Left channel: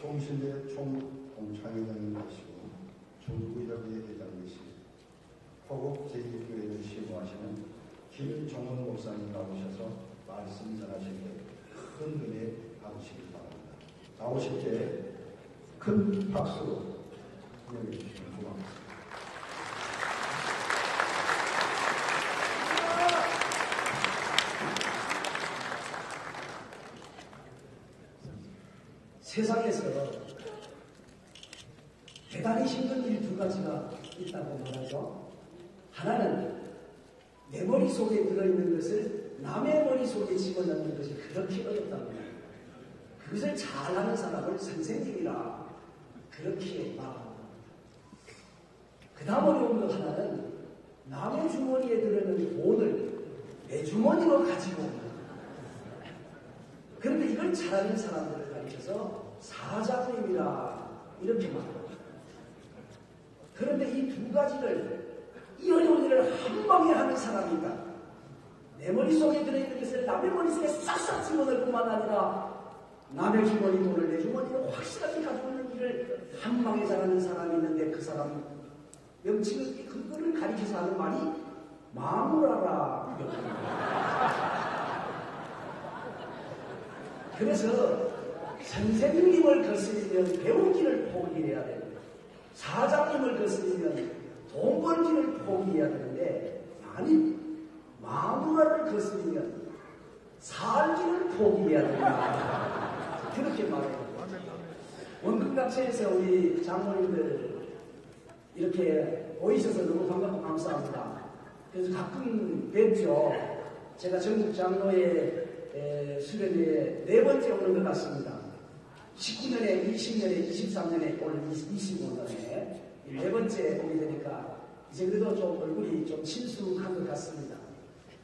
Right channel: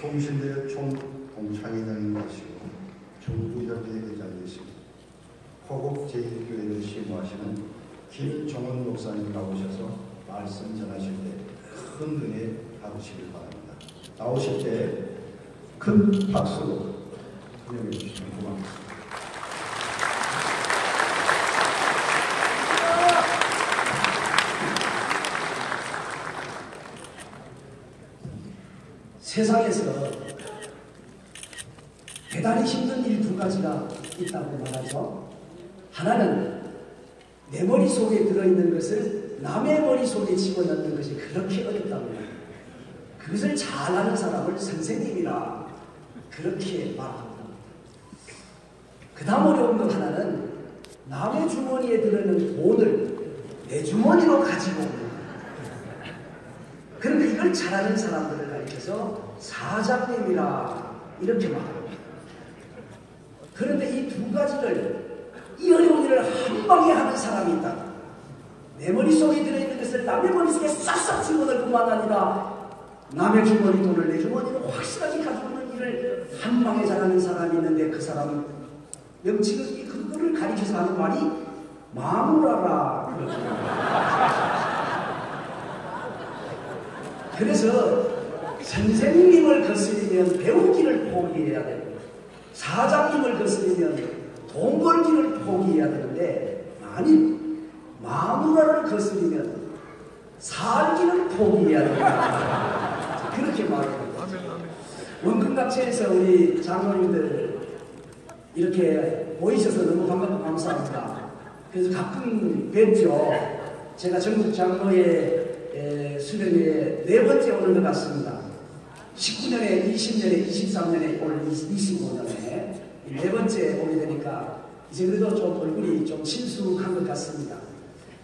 총신대 총동창회장님 되시고 정부협의회 대장이시고 호국 제1교회를 시무하시는 김종원 목사님 나오셔서 말씀 전하실 때 큰 은혜 받으시길 바랍니다. 나오실 때 큰 박수로 환영해 주시면 고맙습니다. 세상에서 대단히 힘든 일 두 가지가 있다고 말하죠. 하나는 내 머릿속에 들어있는 것을 남의 머릿속에 집어넣는 것이 그렇게 어렵다고 합니다. 그것을 잘하는 사람을 선생님이라 그렇게 말합니다. 그 다음 어려운 것 하나는 남의 주머니에 들어있는 돈을 내 주머니로 가지고 오는 거예요. 그런데 이걸 잘하는 사람들을 가리켜서 사장님이라 이렇게 말합니다. 그런데 이 두 가지를, 이 어려운 일을 한 방에 하는 사람이 있다. 내 머릿속에 들어있는 것을 남의 머릿속에 싹싹 집어넣을 뿐만 아니라 남의 주머니 돈을 내 주머니로 확실하게 가지고 오는 일을 한 방에 잘하는 사람이 있는데 그 사람 명칭을, 그거를 가리켜서 하는 말이 마누라라. 그래서 선생님을 거스리면 배우기를 포기해야 됩니다. 사장님을 거스리면 돈 벌기를 포기해야 되는데, 아니, 마누라를 거스리면 살기를 포기해야 된다. 그렇게 말합니다. 원근각체에서 우리 장로님들 이렇게 보이셔서 너무 감사합니다. 그래서 가끔 뵙죠. 제가 전국 장로의 수련회에 4번째 오는 것 같습니다. 19년에, 20년에, 23년에, 오늘 25년에 4번째 오게 되니까 이제 그래도 좀 얼굴이 좀 친숙한 것 같습니다.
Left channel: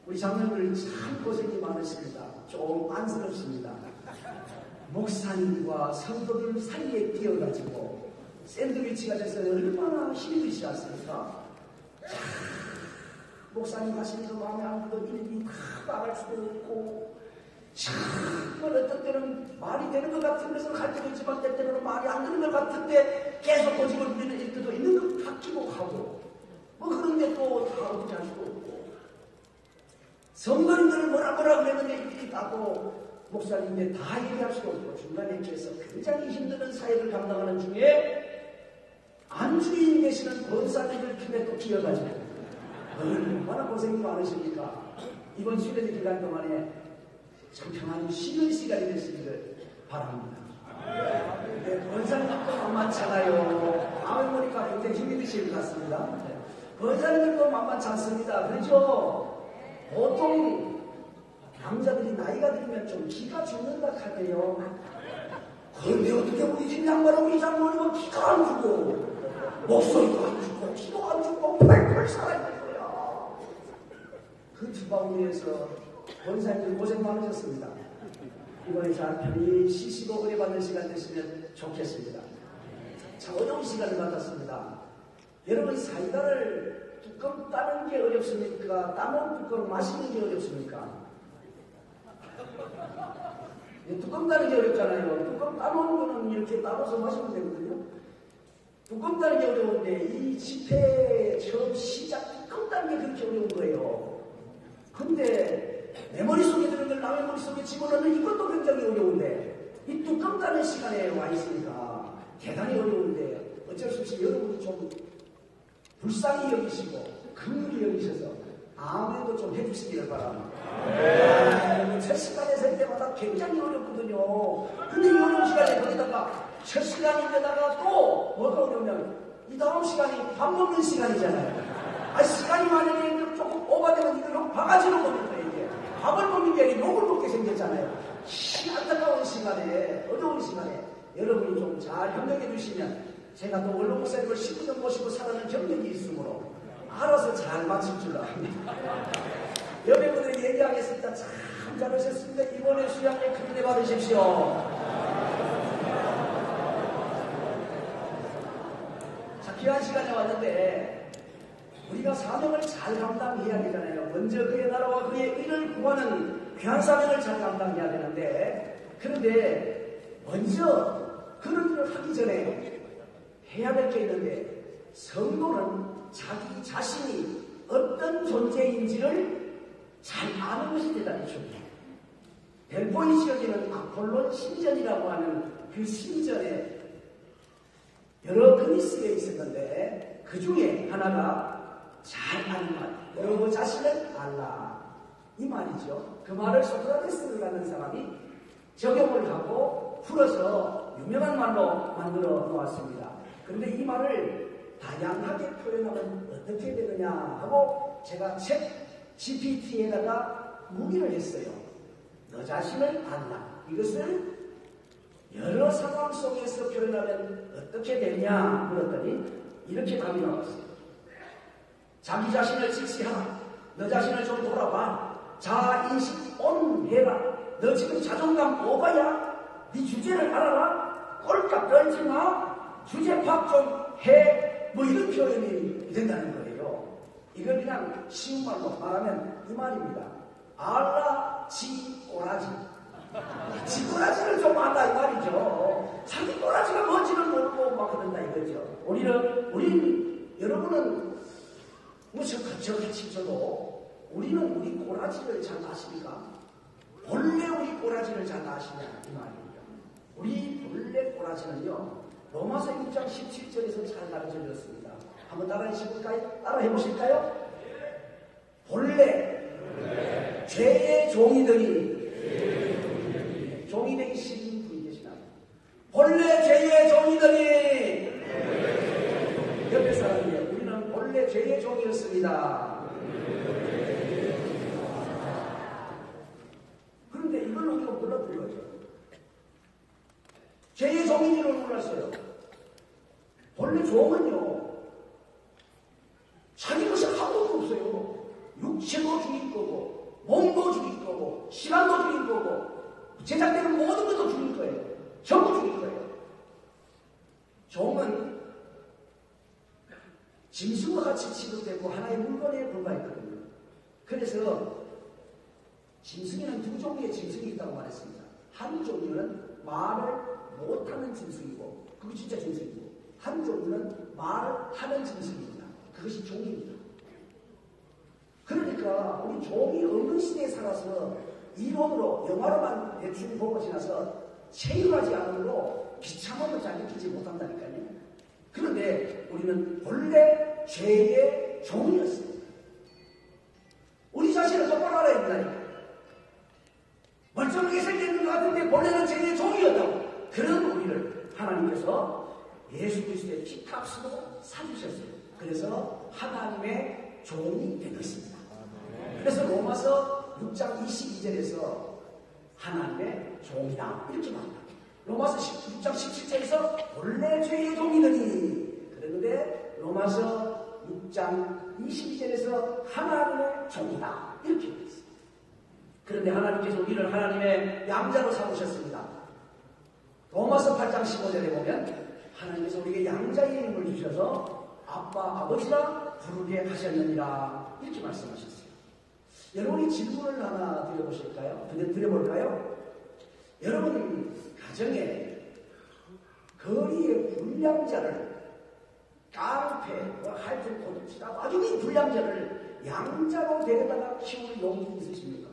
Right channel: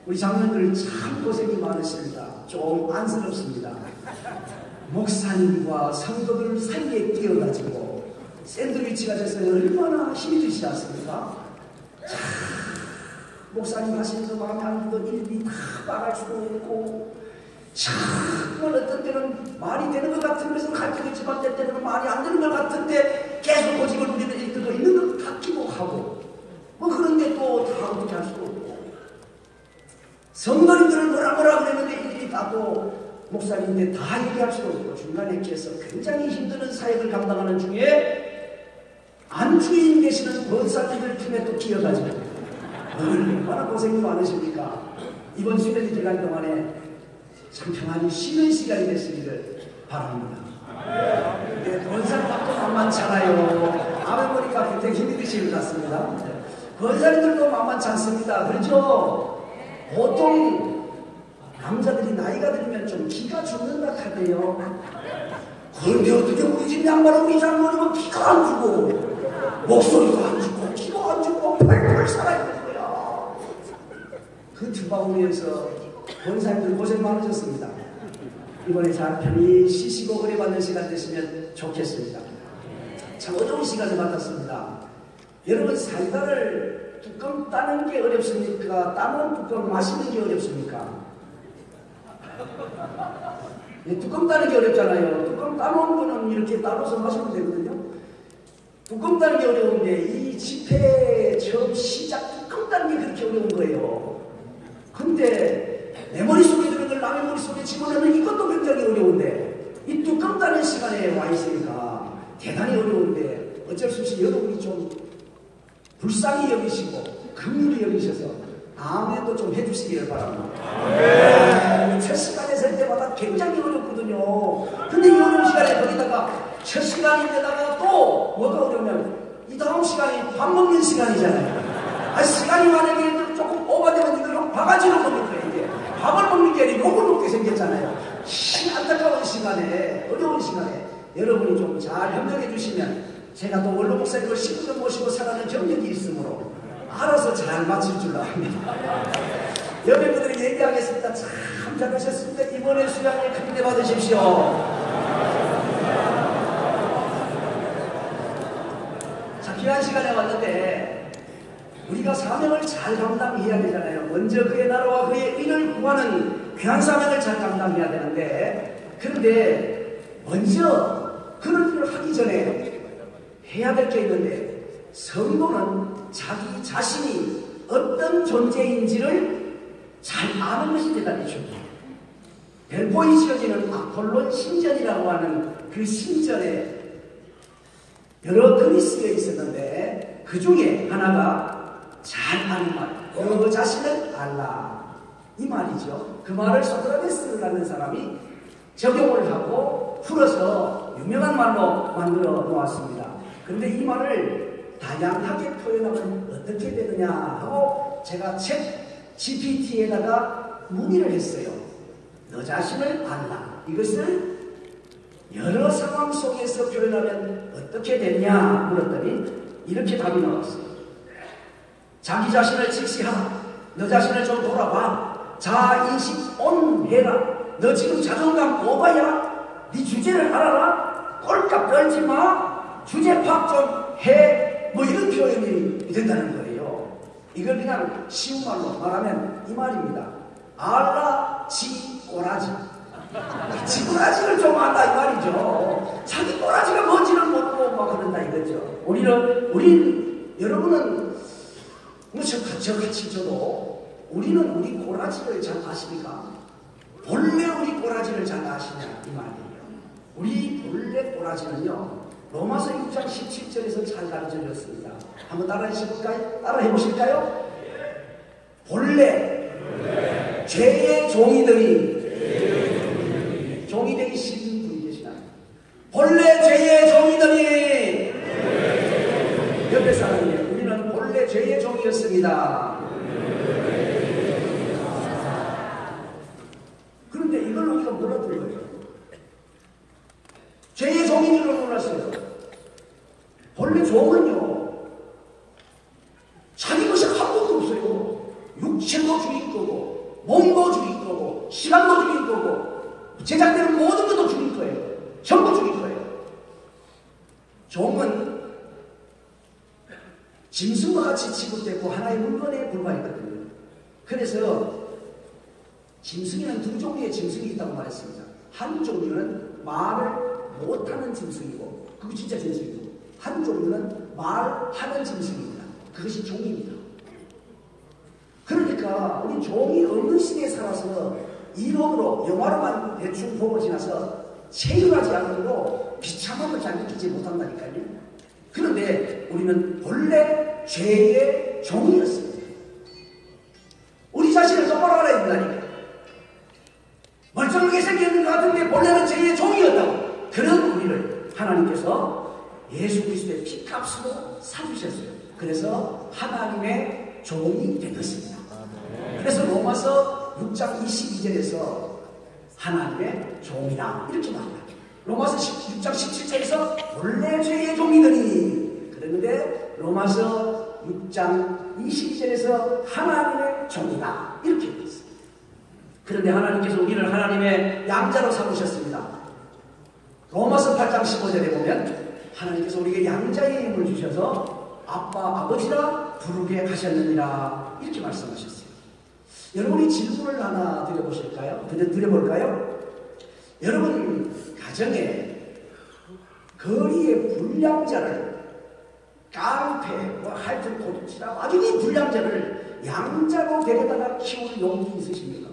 우리 장로님들 참 고생이 많으십니다. 좀 안쓰럽습니다. 목사님과 성도들 사이에 끼어가지고 샌드위치가 돼서 얼마나 힘이 드시지 않습니까? 참, 목사님 하시면서 마음에 안 드는 일이 다 말할 수도 있고, 참 어떤 때는 말이 되는 것 같은 것을 할 때도 있지만 때때는 말이 안 되는 것 같은데 계속 고집을 부리는 일들도 있는 것 같기도 하고, 뭐 그런데 또 다 어떻게 할 수도 없고, 성도님들을 뭐라 그랬는데 일일이 다또 목사님인데 다 얘기할 수도 없고, 중간에 계서 굉장히 힘든 사역을 감당하는 중에 안주인 되시는 권사님들 틈에 또 끼어가지고 얼마나 고생이 많으십니까? 이번 수련회 기간 동안에 참 평안히 쉬는 시간이 되시기를 바랍니다. 네, 권사님도 만만찮아요. 아멘 보니까 굉장히 힘이 드실 것 같습니다. 권사님들도 만만치 않습니다. 그렇죠? 보통 남자들이 나이가 들면 좀 기가 죽는다 하대요. 그런데 어떻게 우리 집 양반은 우리 장모님은 기가 안 죽고 목소리가 안 죽고 기가 안 죽고 펄펄 살아있는 거야. 그 주방위에서 권사님들 고생 많으셨습니다. 이번에 잘 편히 쉬시고 은혜 받는 시간 되시면 좋겠습니다. 참 어려운 시간을 받았습니다. 여러분, 사이다를 뚜껑 따는 게 어렵습니까? 따는 뚜껑 마시는 게 어렵습니까? 네, 뚜껑 따는 게 어렵잖아요. 뚜껑 따놓은 거는 이렇게 따로서 마시면 되거든요. 뚜껑 따는 게 어려운데 이 집회 처음 시작 뚜껑 따는 게 그렇게 어려운 거예요. 근데 내 머릿속에 들은 걸 남의 머릿속에 집어넣는 이것도 굉장히 어려운데 이 뚜껑 따는 시간에 와 있으니까 대단히 어려운데 어쩔 수 없이 여러분이 좀 불쌍히 여기시고 긍휼히 여기셔서 아멘도 좀 해주시기를 바랍니다. 네, 첫 시간에 설 때마다 굉장히 어렵거든요. 근데 이 어려운 시간에 거기다가 첫 시간인데다가 또 뭐가 어려우면 이 다음 시간이 밥 먹는 시간이잖아요. 아, 시간이 만약에 조금 오버되면 이걸로 바가지로 먹는 거예요. 이게 밥을 먹는 게 아니라 욕을 먹게 생겼잖아요. 안타까운 시간에, 어려운 시간에 여러분이 좀 잘 협력해 주시면 제가 또 원로 목사님을 19년 모시고 살아는 경력이 있으므로 알아서 잘 맞출 줄 압니다. 여러분들이 얘기하겠습니다. 참 잘하셨습니다. 이번에 수양에 큰 은혜 받으십시오. 자, 귀한 시간에 왔는데 우리가 사명을 잘 감당해야 되잖아요. 먼저 그의 나라와 그의 의를 구하는 귀한 사명을 잘 감당해야 되는데, 그런데 먼저 그런 일을 하기 전에 해야 될 게 있는데, 성도는 자기 자신이 어떤 존재인지를 잘 아는 것이 대단히 중요해요. 델포이 지어지는 아폴론 신전이라고 하는 그 신전에 여러 글이 쓰여 있었는데, 그 중에 하나가 잘 아는 말, 너 자신을 알라, 이 말이죠. 그 말을 소크라테스라는 사람이 적용을 하고 풀어서 유명한 말로 만들어 놓았습니다. 그런데 이 말을 다양하게 표현하면 어떻게 되느냐 하고 제가 챗 GPT에다가 문의를 했어요. 너 자신을 알라, 이것을 여러 상황 속에서 표현하면 어떻게 되냐 물었더니 이렇게 답이 나왔어요. 자기 자신을 직시하라. 너 자신을 좀 돌아봐. 자인식 온 해라. 너 지금 자존감 오바야. 네 주제를 알아라. 꼴깍 떨지 마. 주제 파악 좀 해. 뭐 이런 표현이 된다는 거예요. 이걸 그냥 쉬운 말로 말하면 이 말입니다. 알라 지 꼬라지. 지 꼬라지를 좀 알라 이 말이죠. 자기 꼬라지가 뭔지를 모르고 막 그런다 이거죠. 우린 여러분은 뭐 저같이 저도 우리는 우리 꼬라지를 잘 아십니까? 본래 우리 꼬라지를 잘 아시냐 이 말이에요. 우리 본래 꼬라지는요, 로마서 6장 17절에서 잘 가르쳐졌습니다. 한번 따라해 보실까요? 본래 죄의 종이들이 종이 되기 싫은 분이 계시나요? 본래 죄의 종이들이 옆에 사람이에요. 우리는 본래 죄의 종이었습니다. 그런데 이걸 우리가 몰랐던 거예요. 죄의 종인 줄을 몰랐어요. 본래 종은요, 자기 것이 아무것도 없어요. 육체도 죽일 거고, 몸도 죽일 거고, 시간도 죽일 거고, 제작되는 모든 것도 죽일 거예요. 전부 죽일 거예요. 종은 짐승과 같이 취급되고 하나의 물건에 불과했거든요. 그래서 짐승에는 두 종류의 짐승이 있다고 말했습니다. 한 종류는 말을 못하는 짐승이고, 그거 진짜 짐승이고, 한 종류는 말하는 짐승입니다. 그것이 종입니다. 그러니까 우리 종이 없는 시대에 살아서 이론으로 영화로만 대충 보고 지나서 체험하지 않으므로 비참함을 잘 느끼지 못한다니까요. 그런데 우리는 본래 죄의 종이었습니다. 우리 자신을 똑바로 알아야 된다니까. 멀쩡하게 생겼는 것 같은데 본래는 죄의 종이었다고. 그런 우리를 하나님께서 예수 그리스도의 피값으로 사주셨어요. 그래서 하나님의 종이 되었습니다. 그래서 로마서 6장 22절에서 하나님의 종이다 이렇게 말합니다. 로마서 6장 17절에서 본래 죄의 종이더니, 그랬는데 로마서 6장 22절에서 하나님의 종이다 이렇게 되어 있습니다. 그런데 하나님께서 우리를 하나님의 양자로 삼으셨습니다. 로마서 8장 15절에 보면 하나님께서 우리에게 양자의 힘을 주셔서 아빠 아버지라 부르게 하셨느니라 이렇게 말씀하셨어요. 여러분이 질문을 하나 드려볼까요? 여러분 가정에 거리의 불량자를, 깡패, 하여튼 도둑질하고 아주 이 불량자를 양자로 데려다가 키울 용기 있으십니까?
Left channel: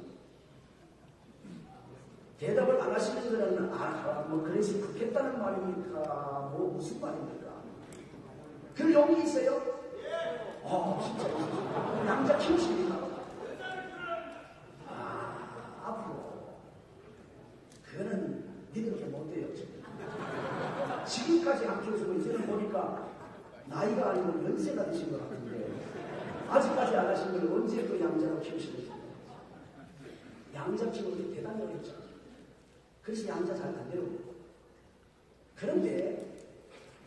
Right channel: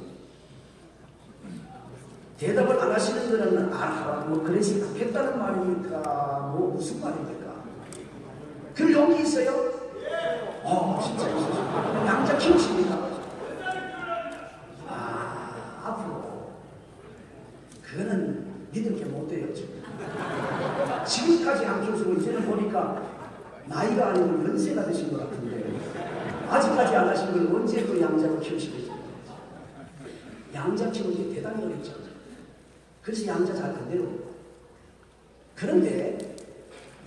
대답을 안 하시는 분들은 뭐 그래서 좋겠다는 말입니까? 뭐 무슨 말입니까? 그럴 용기 있어요? 진짜 있으시죠. 양자 키우십니까? 앞으로 그거는 믿을 게 못 돼요. 지금까지 안 키우시고 이제는 보니까 나이가 아니고 연세가 되신 것 같은데 아직까지 안 하신 걸 언제 또 양자로 키우시겠어요? 양자 키우기 대단히 어렵죠. 그래서 양자 잘 안 되는 거예요. 그런데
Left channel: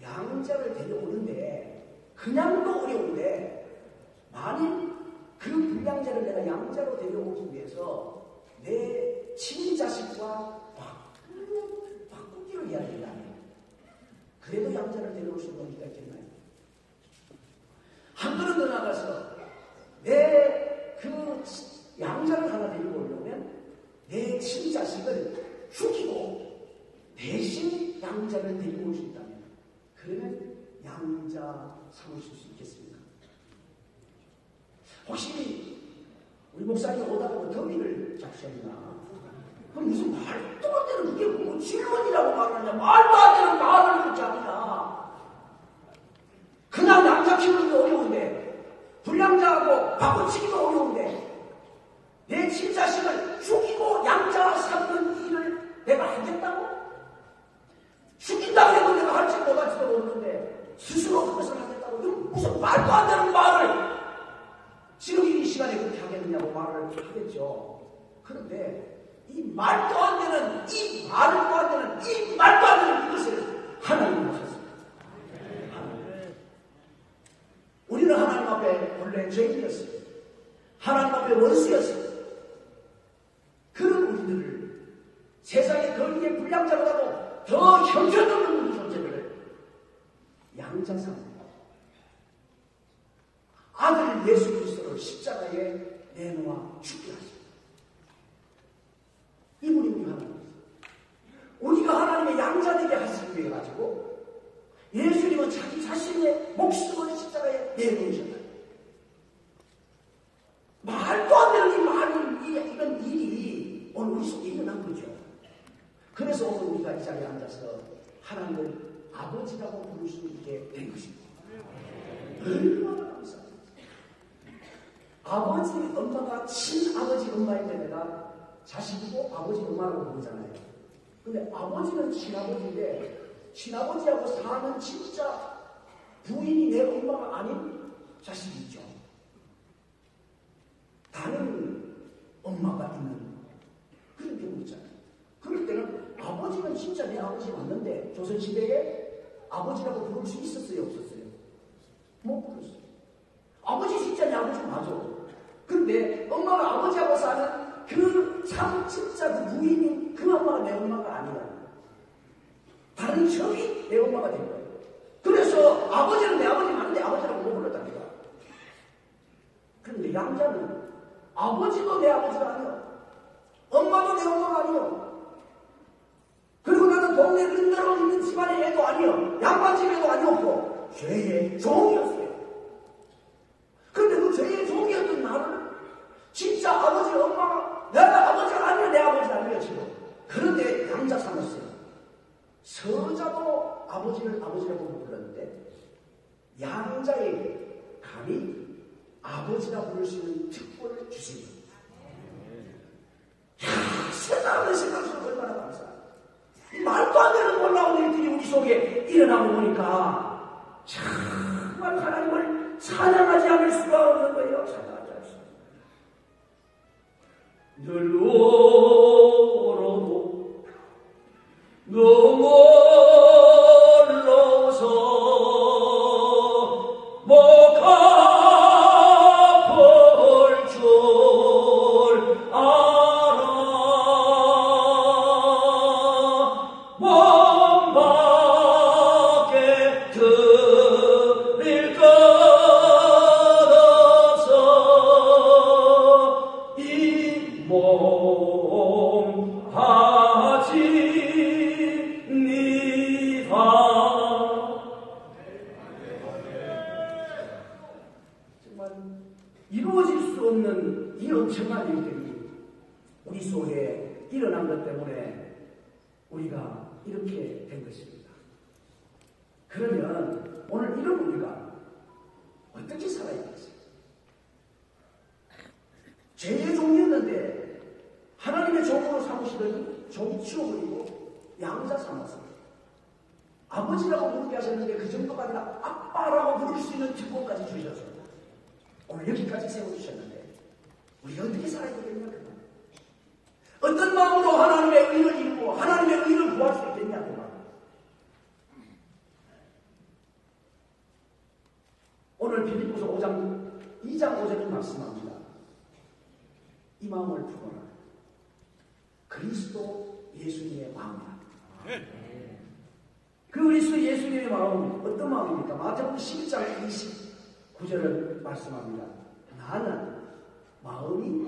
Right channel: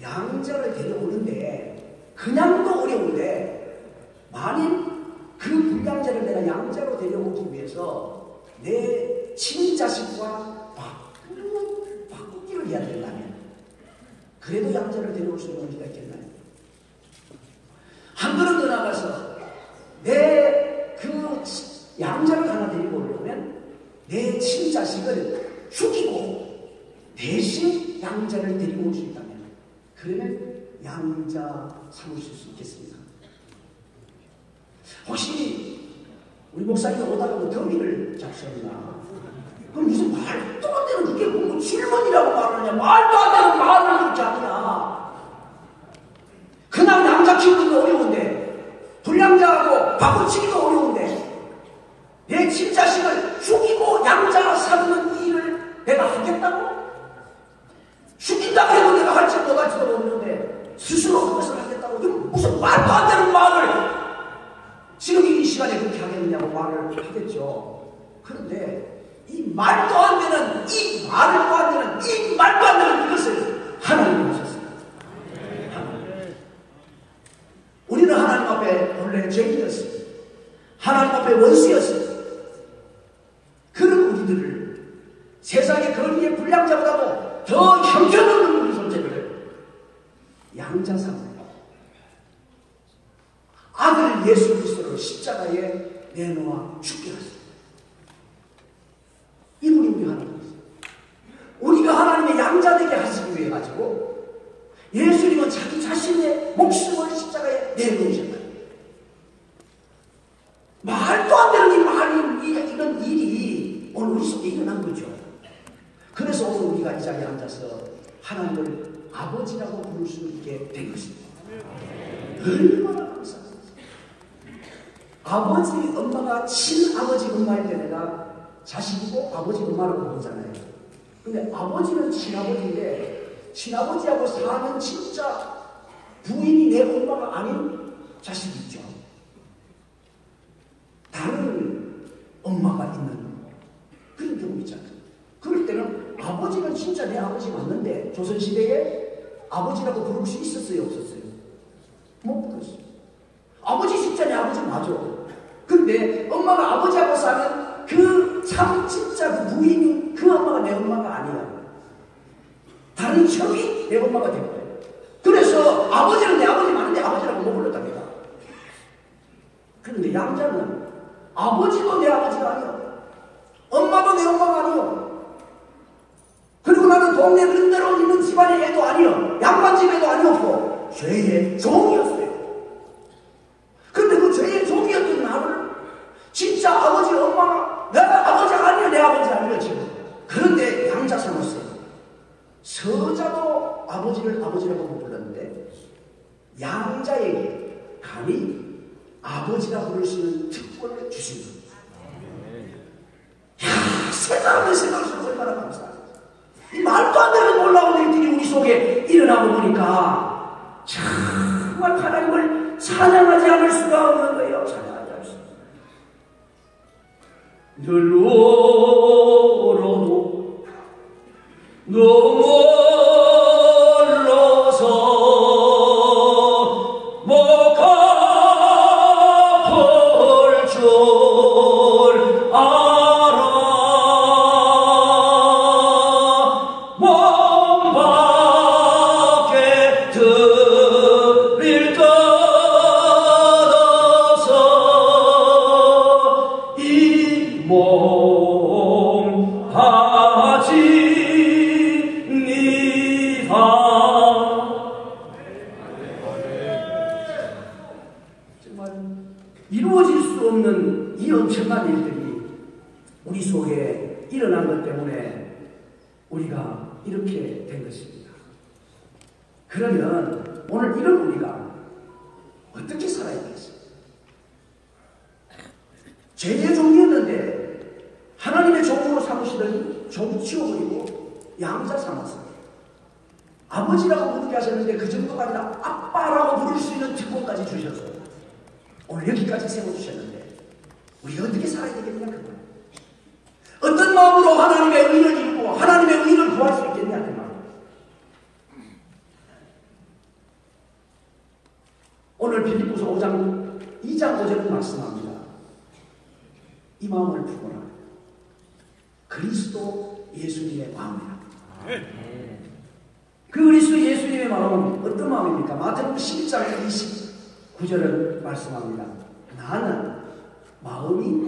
양자를 데려오는데 그냥도 어려운데, 만일 그 불량자를 내가 양자로 데려오기 위해서 내 친자식과 바꾸기를 해야 된다면 그래도 양자를 데려올 수 있는 의미가 있겠나요? 한 걸음 더 나가서 내 그 양자를 하나 데리고 오려면 내 친자식을 죽이고 대신 양자를 데리고 올 수 있다면, 그러면 양자 삼으실 수 있겠습니다. 혹시 우리 목사님 오다가 뭐 더위를 잡셨나? 그럼 무슨 말도 안 되는, 그게 뭐 질문이라고 말하느냐? 말도 안 되는 말을 그렇게 하느냐? 그냥 양자 키우기도 어려운데, 불량자하고 바꿔치기도 어려운데, 내 친자식을 죽이고 양자 삼는 일을 내가 하겠다고? 죽인다고 해도 내가 할지 못할지도 모르는데 스스로 그것을 하겠다고? 이거 무슨 말도 안 되는 말을 지금 이 시간에 그렇게 하겠느냐고 말을 하겠죠. 그런데 이 말도 안 되는, 이 말도 안 되는, 이 말도 안 되는 이것을 하나님이 하셨습니다. 우리는 하나님 앞에 원래 죄인이었습니다. 하나님 앞에 원수였습니다. 그런 우리들을 세상의 거리의 불량자보다도 더 형편없는 우리 존재를 양자삼으로 아들 예수 그리스도를 십자가에 내놓아 죽게 하셨습니다. 이분이 우리 하나님이세요. 우리가 하나님의 양자되게 하시기 위해 가지고 예수님은 자기 자신의 목숨을 십자가에 내놓으셨다. 말도 안 되는 이 말이, 이런 일이 오늘 우리 속에 일어난 거죠. 그래서 오늘 우리가 이 자리에 앉아서 하나님을 아버지라고 부를 수 있게 된 것입니다. 얼마나 감사합니다. 아버지 엄마가 친아버지 엄마일 때 내가 자식이고 아버지 엄마라고 부르잖아요. 근데 아버지는 친아버지인데 친아버지하고 사는 진짜 부인이 내 엄마가 아닌 자식이 있죠. 다른 엄마가 있는 그런 경우 있잖아요. 그럴 때는 아버지는 진짜 내 아버지 맞는데 조선시대에 아버지라고 부를 수 있었어요, 없었어요? 못 부르었어요. 아버지 진짜 내 아버지 맞아. 근데 엄마가 아버지하고 사는 그 참 진짜 그 부인이 그 엄마가 내 엄마가 아니야. 다른 형이 내 엄마가 된 거예요. 그래서 아버지는 내 아버지 맞는데 아버지라고 못 불렀답니다. 그런데 양자는 아버지도 내 아버지가 아니야. 엄마도 내 엄마가 아니요. 그리고 나는 동네 그런 데로 있는 집안의 애도 아니요. 양반집에도 아니었고 죄의 종이었어요. 근데 그 죄의 종이었던 나를 진짜 아버지 엄마가 내가 아버지가 아니야, 내 아버지 아니야 지금. 그런데 양자 삼았어요. 서자도 아버지를 아버지라고 못 불렀는데 양자에게 감히 아버지라 부를 수 있는 특권을 주신 겁니다. 생각하면 생각할수록 얼마나 감사합니다. 이 말도 안 되는 놀라운 일들이 우리 속에 일어나고 보니까 정말 하나님을 찬양하지 않을 수가 없는 거예요. 찬양하지 않을 수 없어요. 늘 울어도 너무 멀어서 못 갚을 줄 알아. 몸 밖에 들릴 것 없어 이 몸 가지니라. 정말 이루어질 수 없는 이 엄청난 일들이 우리 속에 일어난 것 때문에 우리가 이렇게 된 것입니다. 그러면 오늘 이런 우리가 어떻게 살아야 되겠어요? 죄의 종이었는데 하나님의 종으로 삼으시더니 종 치워버리고 양자 삼았어요. 아버지라고 부르게 하셨는데 그 정도가 아니라 아빠라고 부를 수 있는 특권까지 주셔서 오늘 여기까지 세워주셨는데 우리가 어떻게 살아야 되겠냐? 그만. 어떤 마음으로 하나님의 의를 이루고 하나님의 의를 구할 수 있겠냐? 그만. 오늘 빌립보서 5장 2장 5절은 말씀합니다. 이 마음을 품어라. 그리스도 예수님의 마음이라. 그 그리스도 예수님의 마음은 어떤 마음입니까? 마태복음 11장 29절을 말씀합니다. 나는 마음이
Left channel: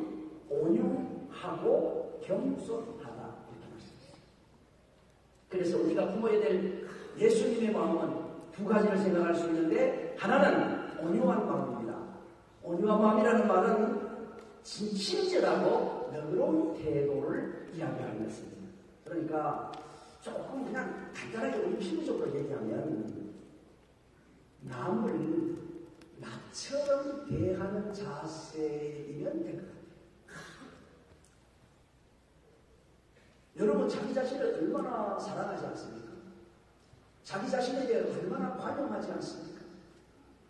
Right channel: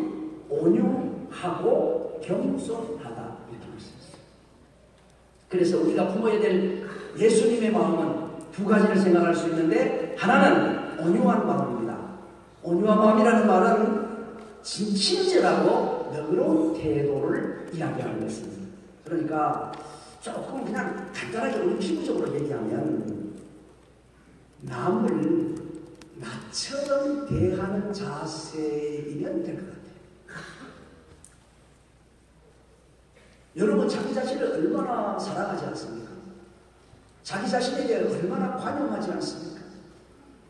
온유하고 겸손하다. 이렇게 말씀했어요. 그래서 우리가 품어야 될 예수님의 마음은 두 가지를 생각할 수 있는데, 하나는 온유한 마음입니다. 온유한 마음이라는 말은 친절하고 너그러운 태도를 이야기하는 것입니다. 그러니까 조금 그냥 간단하게 우리 피부적으로 얘기하면 남을 나처럼 대하는 자세이면 될 것 같아요. 여러분 자기 자신을 얼마나 사랑하지 않습니까? 자기 자신에게 얼마나 관용하지 않습니까?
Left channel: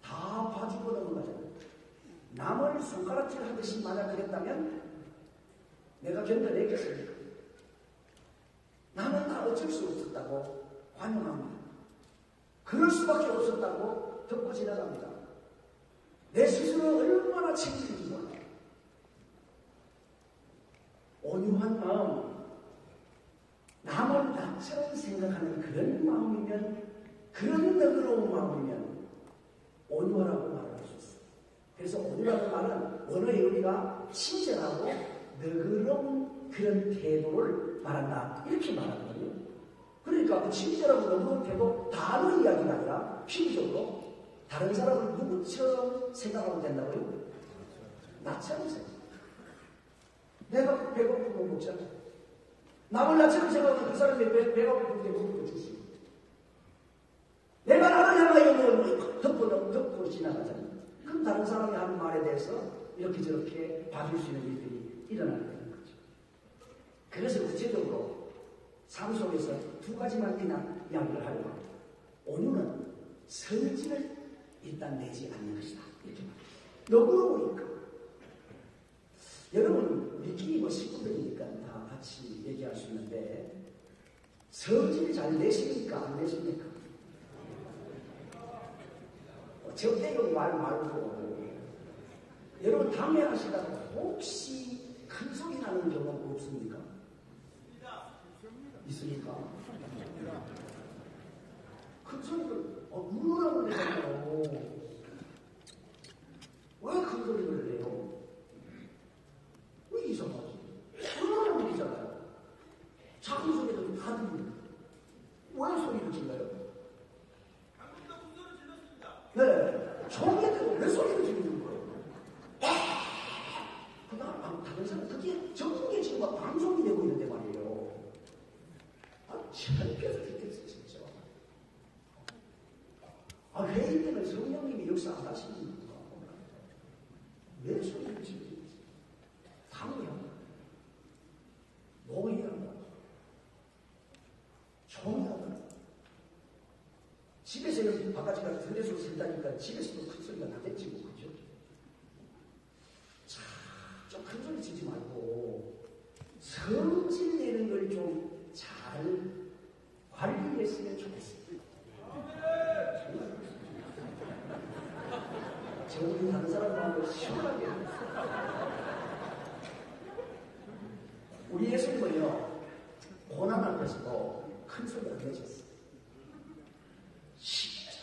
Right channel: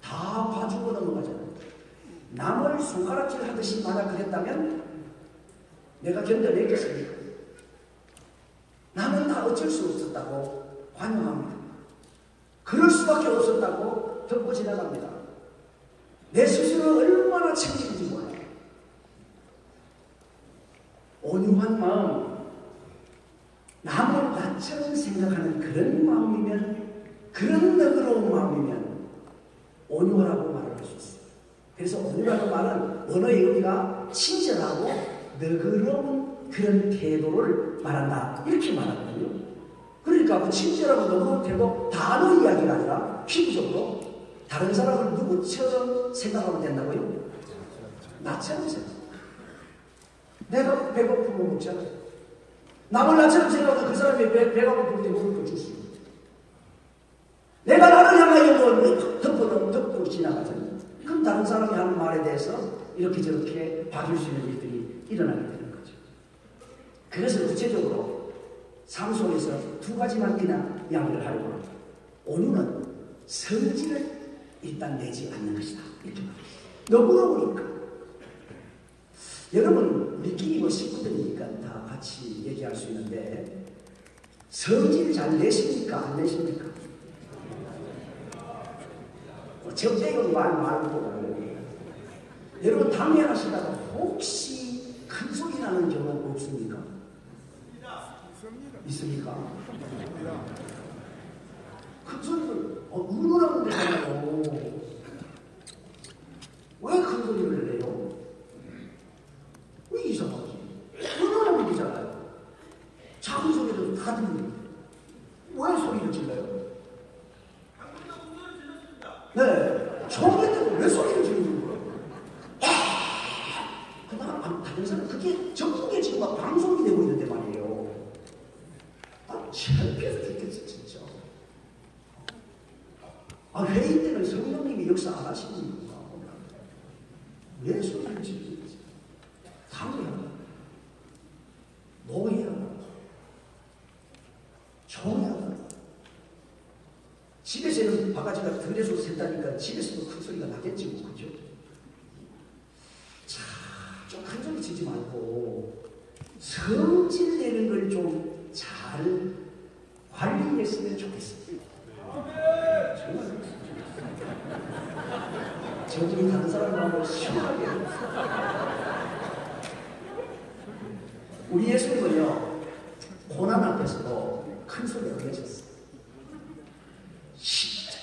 다 봐주고 넘어가잖아요. 남을 손가락질 하듯이 만약 그랬다면 내가 견뎌내겠습니까? 나는 다 어쩔 수 없었다고 관용합니다. 그럴 수밖에 없었다고 덮고 지나갑니다. 내 스스로를 얼마나 챙기는지 몰라요. 온유한 마음, 남을 나처럼 생각하는 그런 마음이면, 그런 너그러운 마음이면 온유하라고 말할 수 있어요. 그래서 온유라는 말은 언어의 의미가 친절하고 너그러운 그런 태도를 말한다, 이렇게 말하거든요. 그러니까 그 친절하고 너그러운 태도 단어 이야기가 아니라 피부적으로 다른 사람을 누구처럼 생각하면 된다고요? 나처럼 생각. 내가 배고프면 먹잖아. 남을 나처럼 생각하면 그 사람이 배가 고플 때 물을 줄 수 있어. 내가 나를 향하여 뭐 덮고 지나가잖아. 그럼 다른 사람이 하는 말에 대해서 이렇게 저렇게 봐줄 수 있는 일들이 일어나게 되는 거죠. 그래서 구체적으로 삶 속에서 두 가지만 그냥 이야기를 하려고 합니다. 온유는 성질을 일단 내지 않는 것이다, 이렇게 말합니다. 너그러우니까. 여러분 우리끼리 뭐 식구들이니까 다 같이 얘기할 수 있는데, 성질 잘 내십니까? 안 내십니까? 저 빼고 말고 여러분 당연하시다가 혹시 큰 소리 나는 경우는 없습니까? 있습니까? 큰 소리를 응원하면 되잖아요. 왜 큰 소리를 내요? 왜 이상하지? 응원하면 되잖아요. 작은 소리도 다 듣는데 왜 소리를 질러요? 네, 처음에 때도 왜 소리를 지르는 거예요? 그다음 다른 사람 그게 전국에 지금 막 방송이 되고 있는데 말이에요. 창피해서 죽겠어 진짜. 회의 때는 성령님이 역사 안 하시는 건가? 왜 소리를 지르는지 상의하다, 노예하다, 정의하다. 집에서는 바가지가 들에서 샌다니까 집에서도 큰 소리가 나겠지 뭐, 그죠? 자, 좀 큰 소리 치지 말고 성질 내는 걸 좀 잘 관리했으면 좋겠어요. 정말 저분이 다른 사람하고 시원하게. 우리 예수님은요, 고난 앞에서도 큰 소리 안 내셨어요.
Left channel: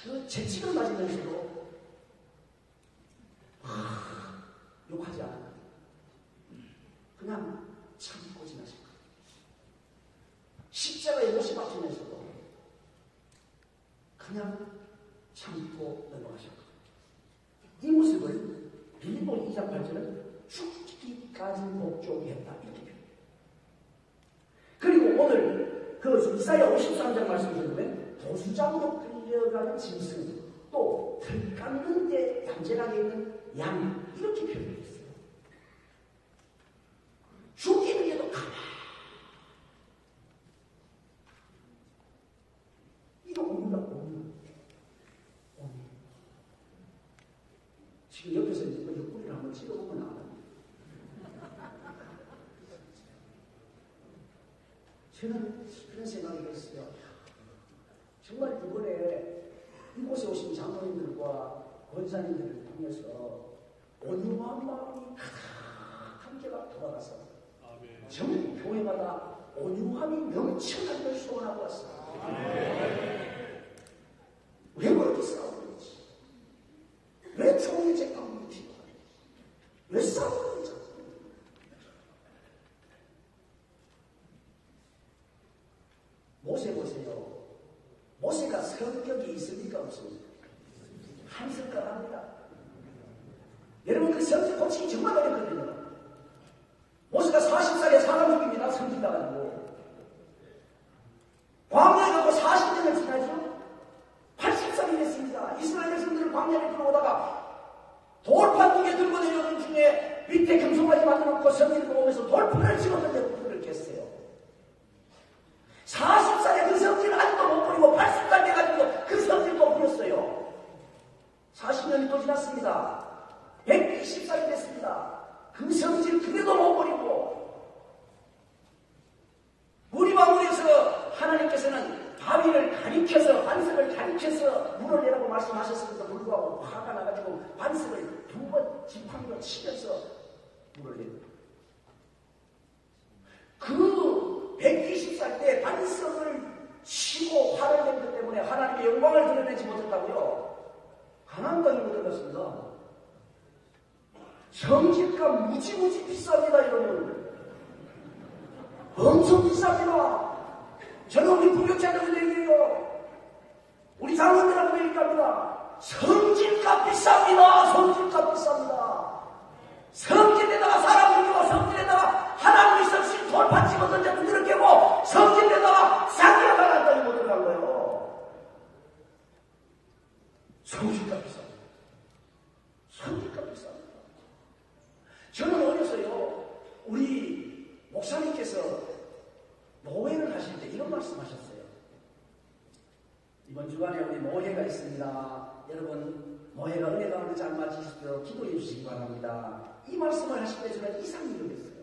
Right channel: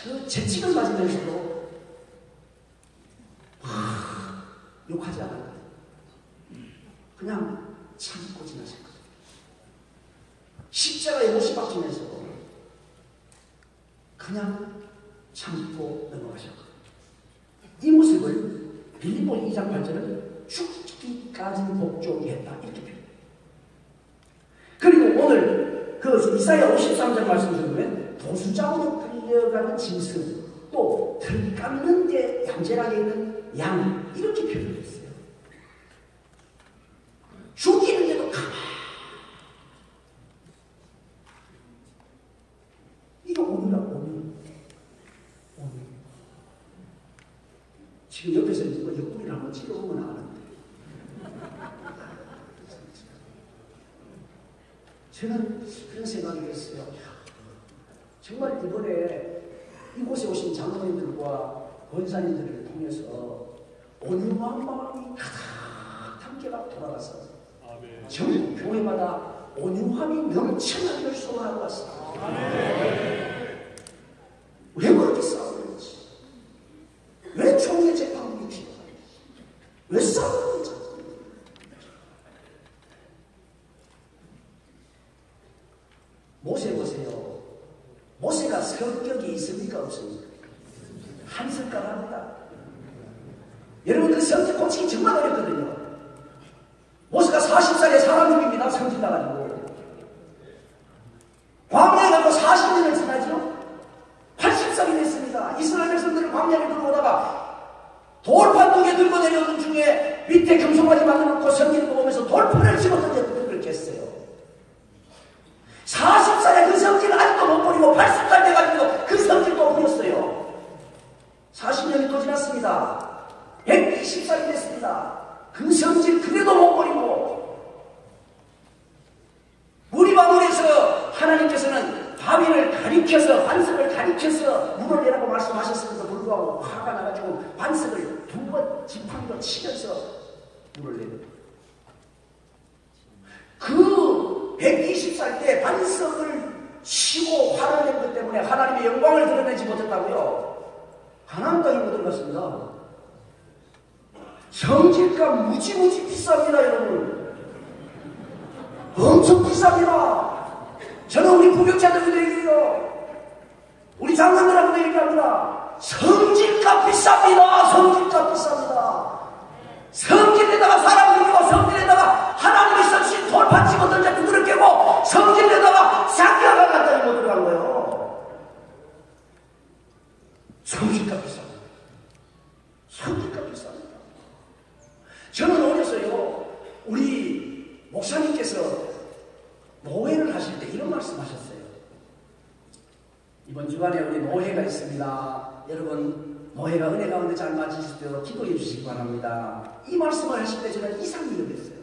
그 재치를 맞으면서도 욕하지 않아요. 그냥 참고 지나실 거예요. 십자가에 못이 박히면서도 그냥 참고 넘어가실 거예요. 이 모습을 빌립보 2장 8절은 죽기까지 복종했다, 이렇게 표현해요. 그리고 오늘 그 이사야 53장 말씀을 보면 도수장으로 끌려가는 짐승, 또 털 깎는 데 얌전하게 있는 양, 이렇게 표현했어요. 죽이는데도 가만히. 이거 오늘이라고. 오늘 지금 옆에서 누가 옆구리를 한번 찍어보면 아는데, 저는 그런 생각이 들었어요. 정말 이번에 이곳에 오신 장로님들과 권사님들을 통해서 온유한 마음이 가득한 교회가 돌아가서 전국 교회마다 온유함이 넘치는 걸 소원하고 왔습니다. 왜 그렇게 싸우는지, 왜 총의 재판이 필요한지, 왜 싸우는지. 모세 보세요. 보세요. 모세가 성격이 있습니까? 없습니까? 한성깔합니다. 여러분 그 성격 고치기 정말 어렵거든요. 모세가 40살에 사람 죽입니다. 성질 나가지고. 광야에 가고 40년을 지나죠. 80살이 됐습니다. 이스라엘 백성들을 광야에 들어오다가 돌판 2개 들고 내려오는 중에 밑에 금송아지 만들어놓고 성질 보면서 돌판을 집어던져 그렇게 했어요. 40살에 그 성질 아직도 못 버리고 80살 돼가지고 그 성질 또 버렸어요. 40년이 또 지났습니다. 120살이 됐습니다. 그 성질 그래도 못 버리고 무리방울에서 하나님께서는 바위를 가리켜서 반석을 가리켜서 물을 내라고 말씀하셨음에도 불구하고 화가 나가지고 반석을 2번 지팡이로 치면서 물을 내립니다. 그 120살 때 반석을 치고 화를 낸 것 때문에 하나님의 영광을 드러내지 못했다고요. 가나안 땅에 못 들어갔습니다. 성질값 무지무지 비쌉니다, 여러분. 엄청 비쌉니다. 저는 우리 부격자들도 얘기해요. 우리 장로들하고도 얘기합니다. 성질값 비쌉니다. 성질값 비쌉니다. 성질에다가 사람 죽이고 성질에다가 하나님의 성신 돌판 치고 던져 두드려 깨고 성질에다가 사기가 갔다니 못 들어간 거예요. 성질값 비쌉니다. 성질값 비쌉니다. 저는 어려서요, 우리 목사님께서 노회를 하실 때 이런 말씀하셨어요. 이번 주간에 우리 노회가 있습니다. 여러분 노회가 은혜 가운데 잘 맞으실 수 있도록 기도해 주시기 바랍니다. 이 말씀을 하실 때 저는 이상이 여겼어요.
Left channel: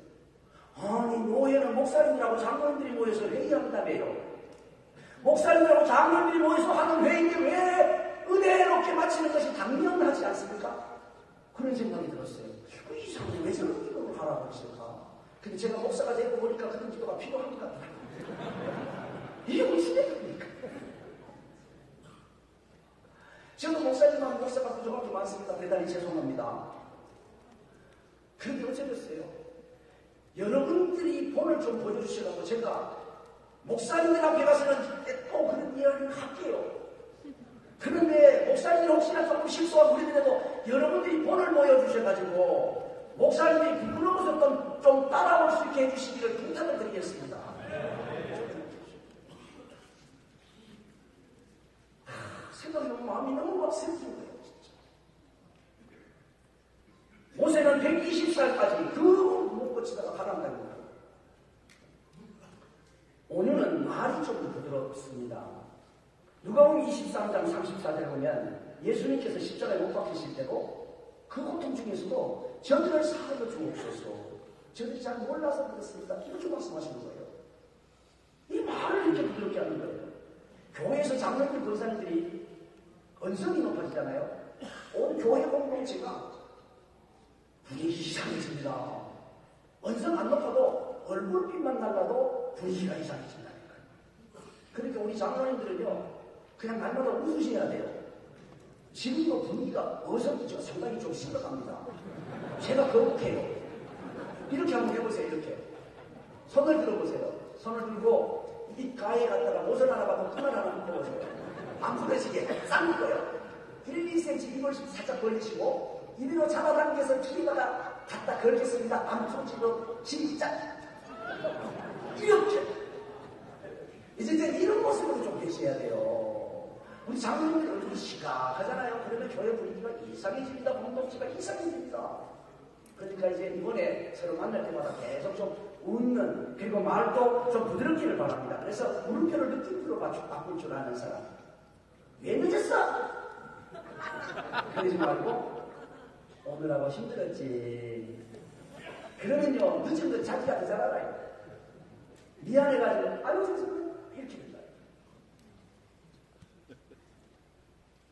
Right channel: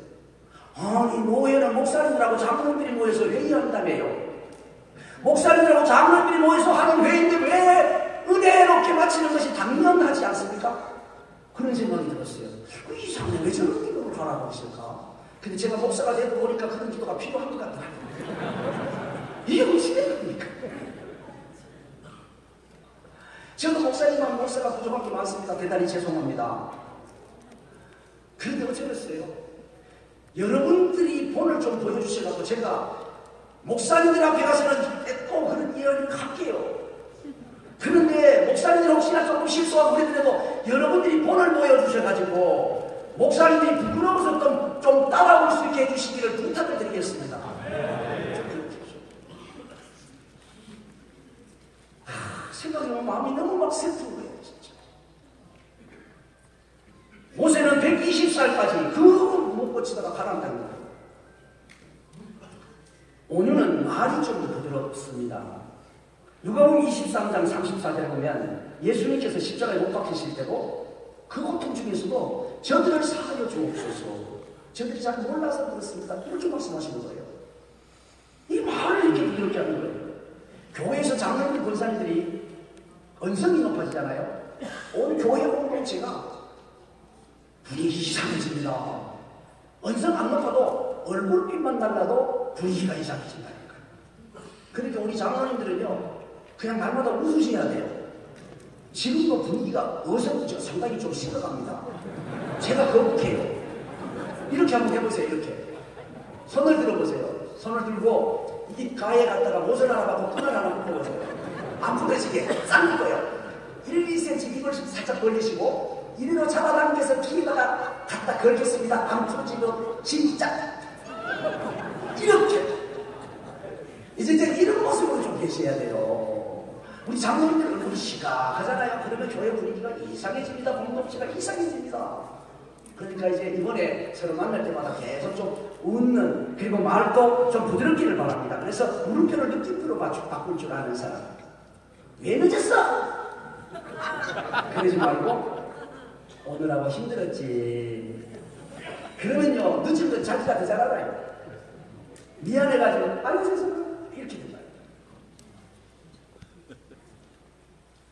아니 노회는 목사님들하고 장로들이 모여서 회의한다며요. 목사님들하고 장로들이 모여서 하는 회의인데 왜 은혜롭게 마치는 것이 당연하지 않습니까? 그런 생각이 들었어요. 이상해, 왜 저런 기도를 하라고 했을까? 근데 제가 목사가 되고 보니까 그런 기도가 필요한 것 같더라고요. 이게 무슨 얘기입니까? 저도 목사님만 목사가 부족한 게 많습니다. 대단히 죄송합니다. 그런데 어쩌겠어요? 여러분들이 본을 좀 보여주시라고 제가 목사님들 앞에 가서는 꼭 그런 이야기를 할게요. 그런데 목사님들 혹시나 조금 실수하고 그러더라도 여러분들이 본을 보여주셔가지고 목사님들이 부끄러워서 좀 따라올 수 있게 해주시기를 부탁을 드리겠습니다. 생각해보면 마음이 너무 막 슬픈 거예요. 진짜. 모세는 120살까지 그 못 고치다가 가라앉는 거예요. 오늘은 말이 좀 부드럽습니다. 누가복음 23장 34절에 보면 예수님께서 십자가에 못 박히실 때도 그 고통 중에서도 저들을 사하여 주옵소서. 저들이 잘 몰라서 그렇습니다. 이렇게 말씀하시는 거예요. 이 말을 이렇게 부드럽게 하는 거예요. 교회에서 장로들 권사님들이 언성이 높아지잖아요. 온 교회 공동체가 분위기 이상해집니다. 언성 안 높아도 얼굴빛만 달라도 분위기가 이상해진다니까요. 그러니까 우리 장로님들은요, 그냥 날마다 웃으셔야 돼요. 지금도 분위기가 어서부터 상당히 좀 식어갑니다. 제가 거북해요. 이렇게 한번 해보세요. 이렇게 손을 들어보세요. 손을 들고 이 가에 갖다가 옷을 하나 받고 끈을 하나 묶어보세요. 안 부러지게 싹 묶어요. 1, 2cm 이걸 살짝 벌리시고 이리로 잡아당겨서 길에다가 갖다 걸겠습니다. 안 부러지고 진짜 이렇게 이제 이런 모습으로 좀 계셔야 돼요. 우리 장로님들 얼굴이 시각하잖아요. 그러면 교회 분위기가 이상해집니다. 공동체가 이상해집니다. 그러니까 이제 이번에 서로 만날 때마다 계속 좀 웃는, 그리고 말도 좀 부드럽기를 바랍니다. 그래서 물음표를 느낌으로 바꿀 줄 아는 사람. 왜 늦었어? 그러지 말고 오늘하고 힘들었지. 그러면요, 늦은 건 자기가 더 잘 알아요. 미안해가지고 아이고 죄송해요 이렇게 된다.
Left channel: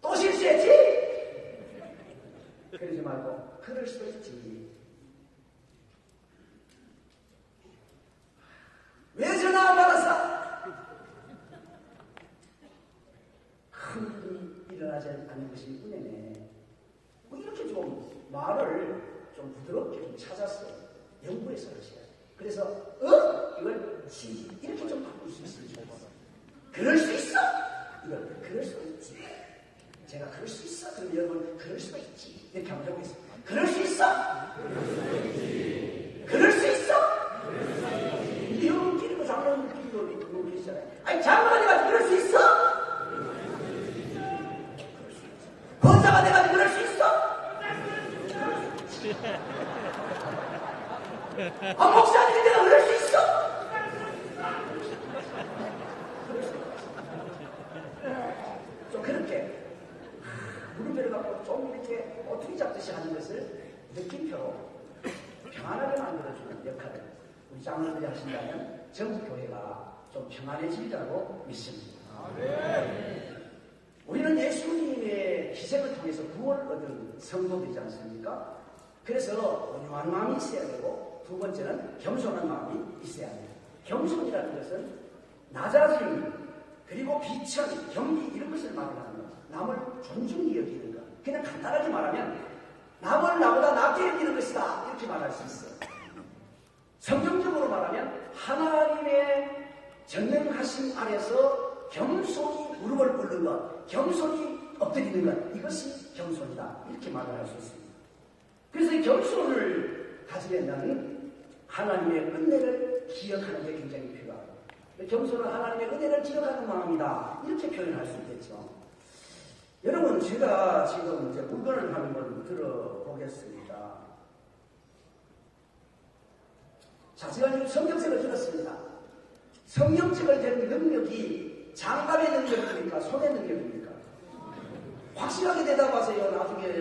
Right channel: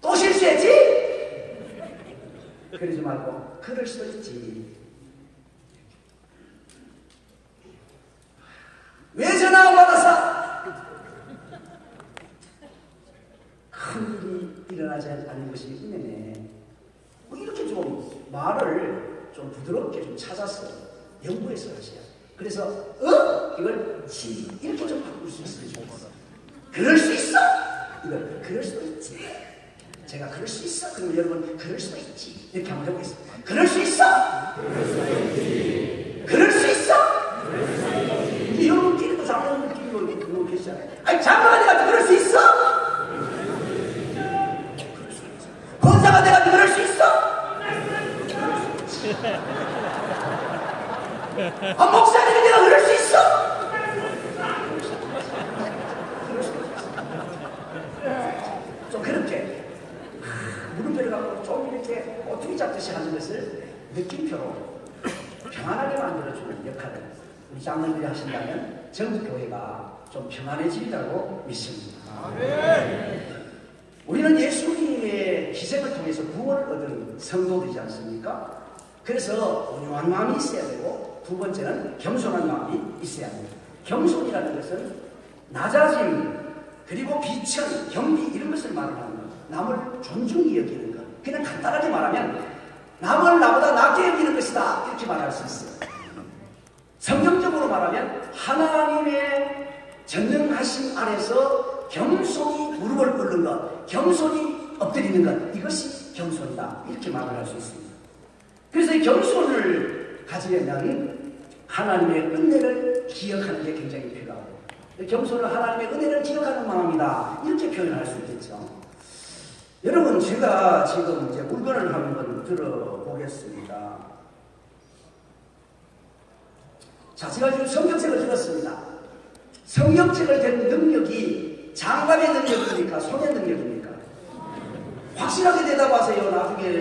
또 실수했지? 그러지 말고 그럴 수도 있지. 왜 전화 안 받았어? 큰 일이 일어나지 않은 것이 있네. 뭐 이렇게 좀 말을 좀 부드럽게 좀 찾았어요. 연구해서 하셔야 돼요. 그래서 이걸 지 이렇게 좀 바꿀 수 있으면 좋겠어. 그럴 수 있어? 이걸 그럴 수도 있지. 제가 그럴 수 있어? 그럼 여러분 그럴 수도 있지. 이렇게 한번 해보겠습니다. 그럴 수 있어? 그럴 수 있어? 이제 여러분끼리도 장로님 느낌으로 그거 계시잖아요. 아니 장로가 내가 그럴 수 있어? 권사가 내가 그럴 수 있어? 아 목사님이 내가 그럴 수 있어? 좀 그렇게 물음표를 갖고 좀 이렇게 어떻게 잡듯이 하는 것을 느낌표로 평안하게 만들어주는 역할을 우리 장로들이 하신다면 전국 교회가 좀 평안해지리라고 믿습니다. 우리는 예수님의 희생을 통해서 구원을 얻은 성도들이지 않습니까? 그래서 온유한 마음이 있어야 되고 두 번째는 겸손한 마음이 있어야 합니다. 겸손이라는 것은 낮아짐 그리고 비천, 경비 이런 것을 말하는 것, 남을 존중히 여기는 것. 그냥 간단하게 말하면 남을 나보다 낮게 여기는 것이다 이렇게 말할 수 있어요. 성경적으로 말하면 하나님의 전능하심 아래서 겸손히 무릎을 꿇는 것, 겸손히 엎드리는 것, 이것이 겸손이다 이렇게 말을 할 수 있습니다. 그래서 이 겸손을 가지려면 하나님의 은혜를 기억하는 게 굉장히 필요하고 겸손은 하나님의 은혜를 기억하는 마음이다 이렇게 표현할 수 있겠죠. 여러분 제가 지금 이제 물건을 한번 들어보겠습니다. 자, 제가 지금 성경책을 들었습니다. 성경책을 든 능력이 장갑의 능력입니까? 손의 능력입니까? 확실하게 대답하세요. 나중에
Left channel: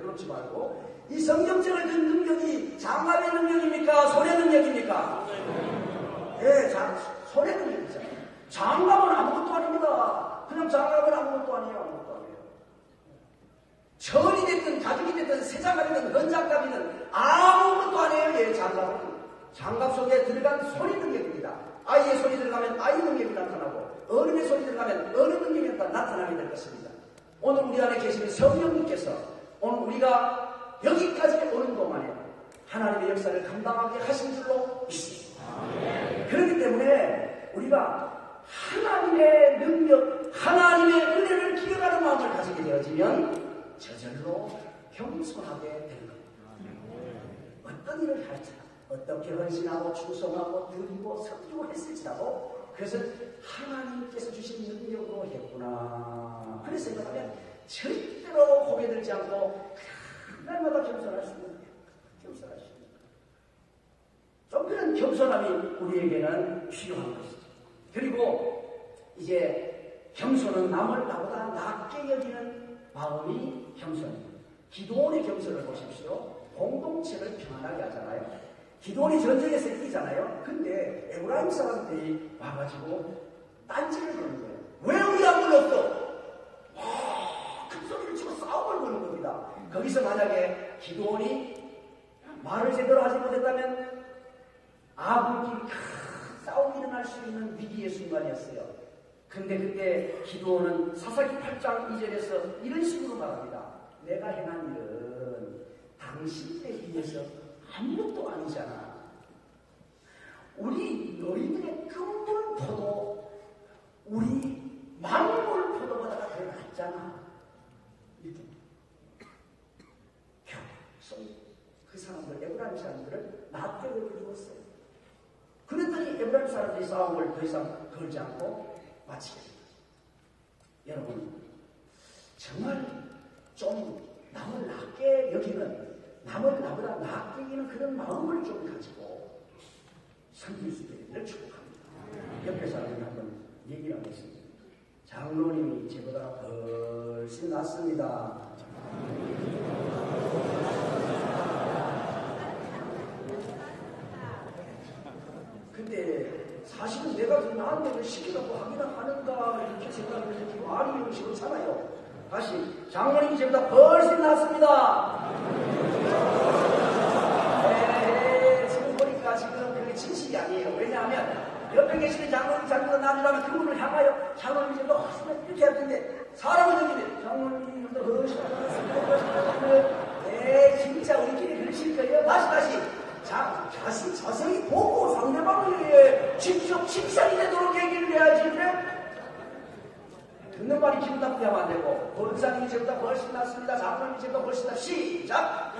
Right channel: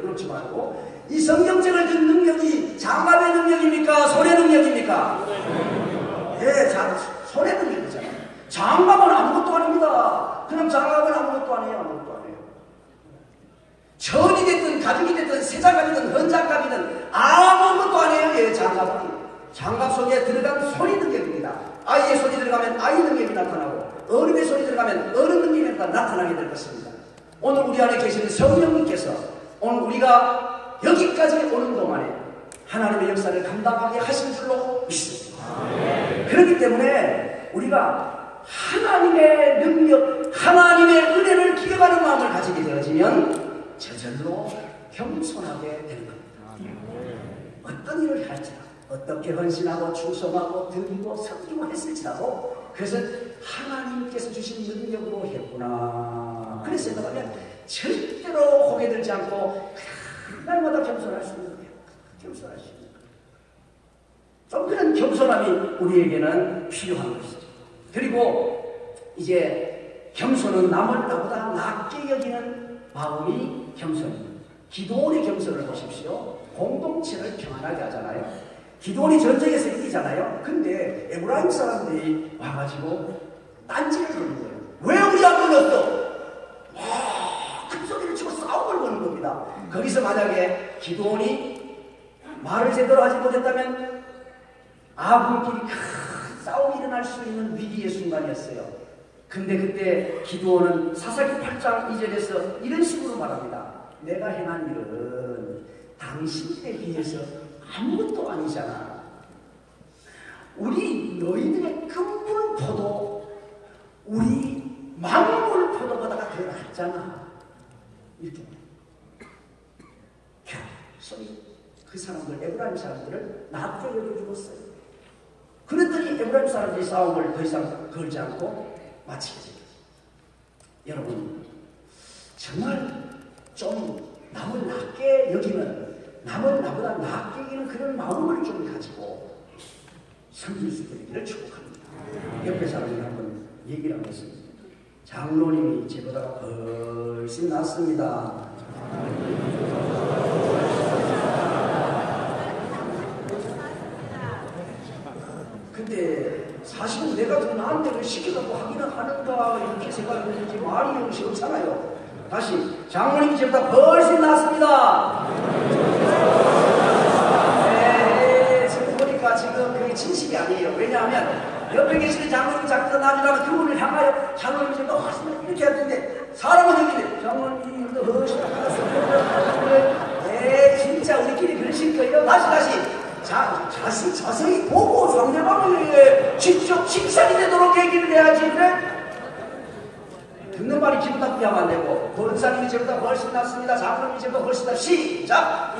그렇지 말고. 이 성경책을 든 능력이 장갑의 능력입니까? 손의 능력입니까? 예, 손의 능력이잖아요. 장갑은 아무것도 아닙니다. 그냥 장갑은 아무것도 아니에요. 아무것도 아니에요. 천이 됐든 가죽이 됐든 새장갑이든 헌장갑이든 아무것도 아니에요. 예, 장갑은. 장갑 속에 들어간 손이 능력입니다. 아이의 손이 들어가면 아이 능력이 나타나고 어른의 손이 들어가면 어른 능력이 나타나게 될 것입니다. 오늘 우리 안에 계시는 성령님께서 오늘 우리가 여기까지 오는 동안에 하나님의 역사를 감당하게 하신 줄로 믿습니다. 그렇기 때문에 우리가 하나님의 능력, 하나님의 은혜를 기억하는 마음을 가지게 되어지면 저절로 겸손하게 되는 겁니다. 어떤 일을 할지라도 어떻게 헌신하고 충성하고 드리고 섬기고 했을지라도 그것은 하나님께서 주신 능력으로 했구나. 그래서 생각하면 절대로 고개 들지 않고 날마다 겸손할 수 있는 거예요. 겸손할 수 있는 거예요. 좀 그런 겸손함이 우리에게는 필요한 것이죠. 그리고 이제 겸손은 남을 나보다 낮게 여기는 마음이 겸손입니다. 기도원의 겸손을 보십시오. 공동체를 평안하게 하잖아요. 기도원이 전쟁에서 이기잖아요. 근데 에브라임 사람들이 와가지고 딴지를 거는 거예요. 왜 우리 안 불렀어? 큰 소리를 치고 싸움을 거는 겁니다. 거기서 만약에 기도원이 말을 제대로 하지 못했다면 아군끼리 큰 싸움이 일어날 수 있는 위기의 순간이었어요. 근데 그때 기도원은 사사기 8장 2절에서 이런 식으로 말합니다. 내가 행한 일은 당신에 비해서 아무것도 아니잖아. 우리 너희들의 근본 포도, 우리 만물 포도보다가 더 낫잖아. 이렇게. 소리 그 사람들, 에브라임 사람들을 낮게 여겨주었어요. 그랬더니 에브라임 사람들이 싸움을 더 이상 걸지 않고 마치게 됩니다. 여러분, 정말 좀 남을 낮게 여기는, 남을 나보다 낮게 여기는 그런 마음을 좀 가지고 섬길 수 있기를 축복합니다. 옆에 사람을 한번 얘기를 하겠습니다. 장로님이 제보다 훨씬 낫습니다. 근데 사실은 내가 더 나은 데를 시키려고 하기는 하는가 이렇게 생각했는지 말이 역시 없잖아요. 다시 장로님이 제보다 훨씬 낫습니다. 네, 지금 보니까 지금 그게 진실이 아니에요. 왜냐하면 옆에 계시는 장로님 자기가 나중에 그분을 향하여 장로님 제보다 훨씬 이렇게 할 텐데 사람은 여기는 장로님도 훨씬 낫습니다. 네, 진짜 우리끼리 그러실 거예요. 다시 자세히 보고 상대방을 직접 칭찬이 되도록 얘기를 해야지. 그래? 듣는 말이 기분 나쁘게 하면 안 되고, 권사님이 저보다 훨씬 낫습니다. 장로님이 저보다 훨씬 낫. 시작!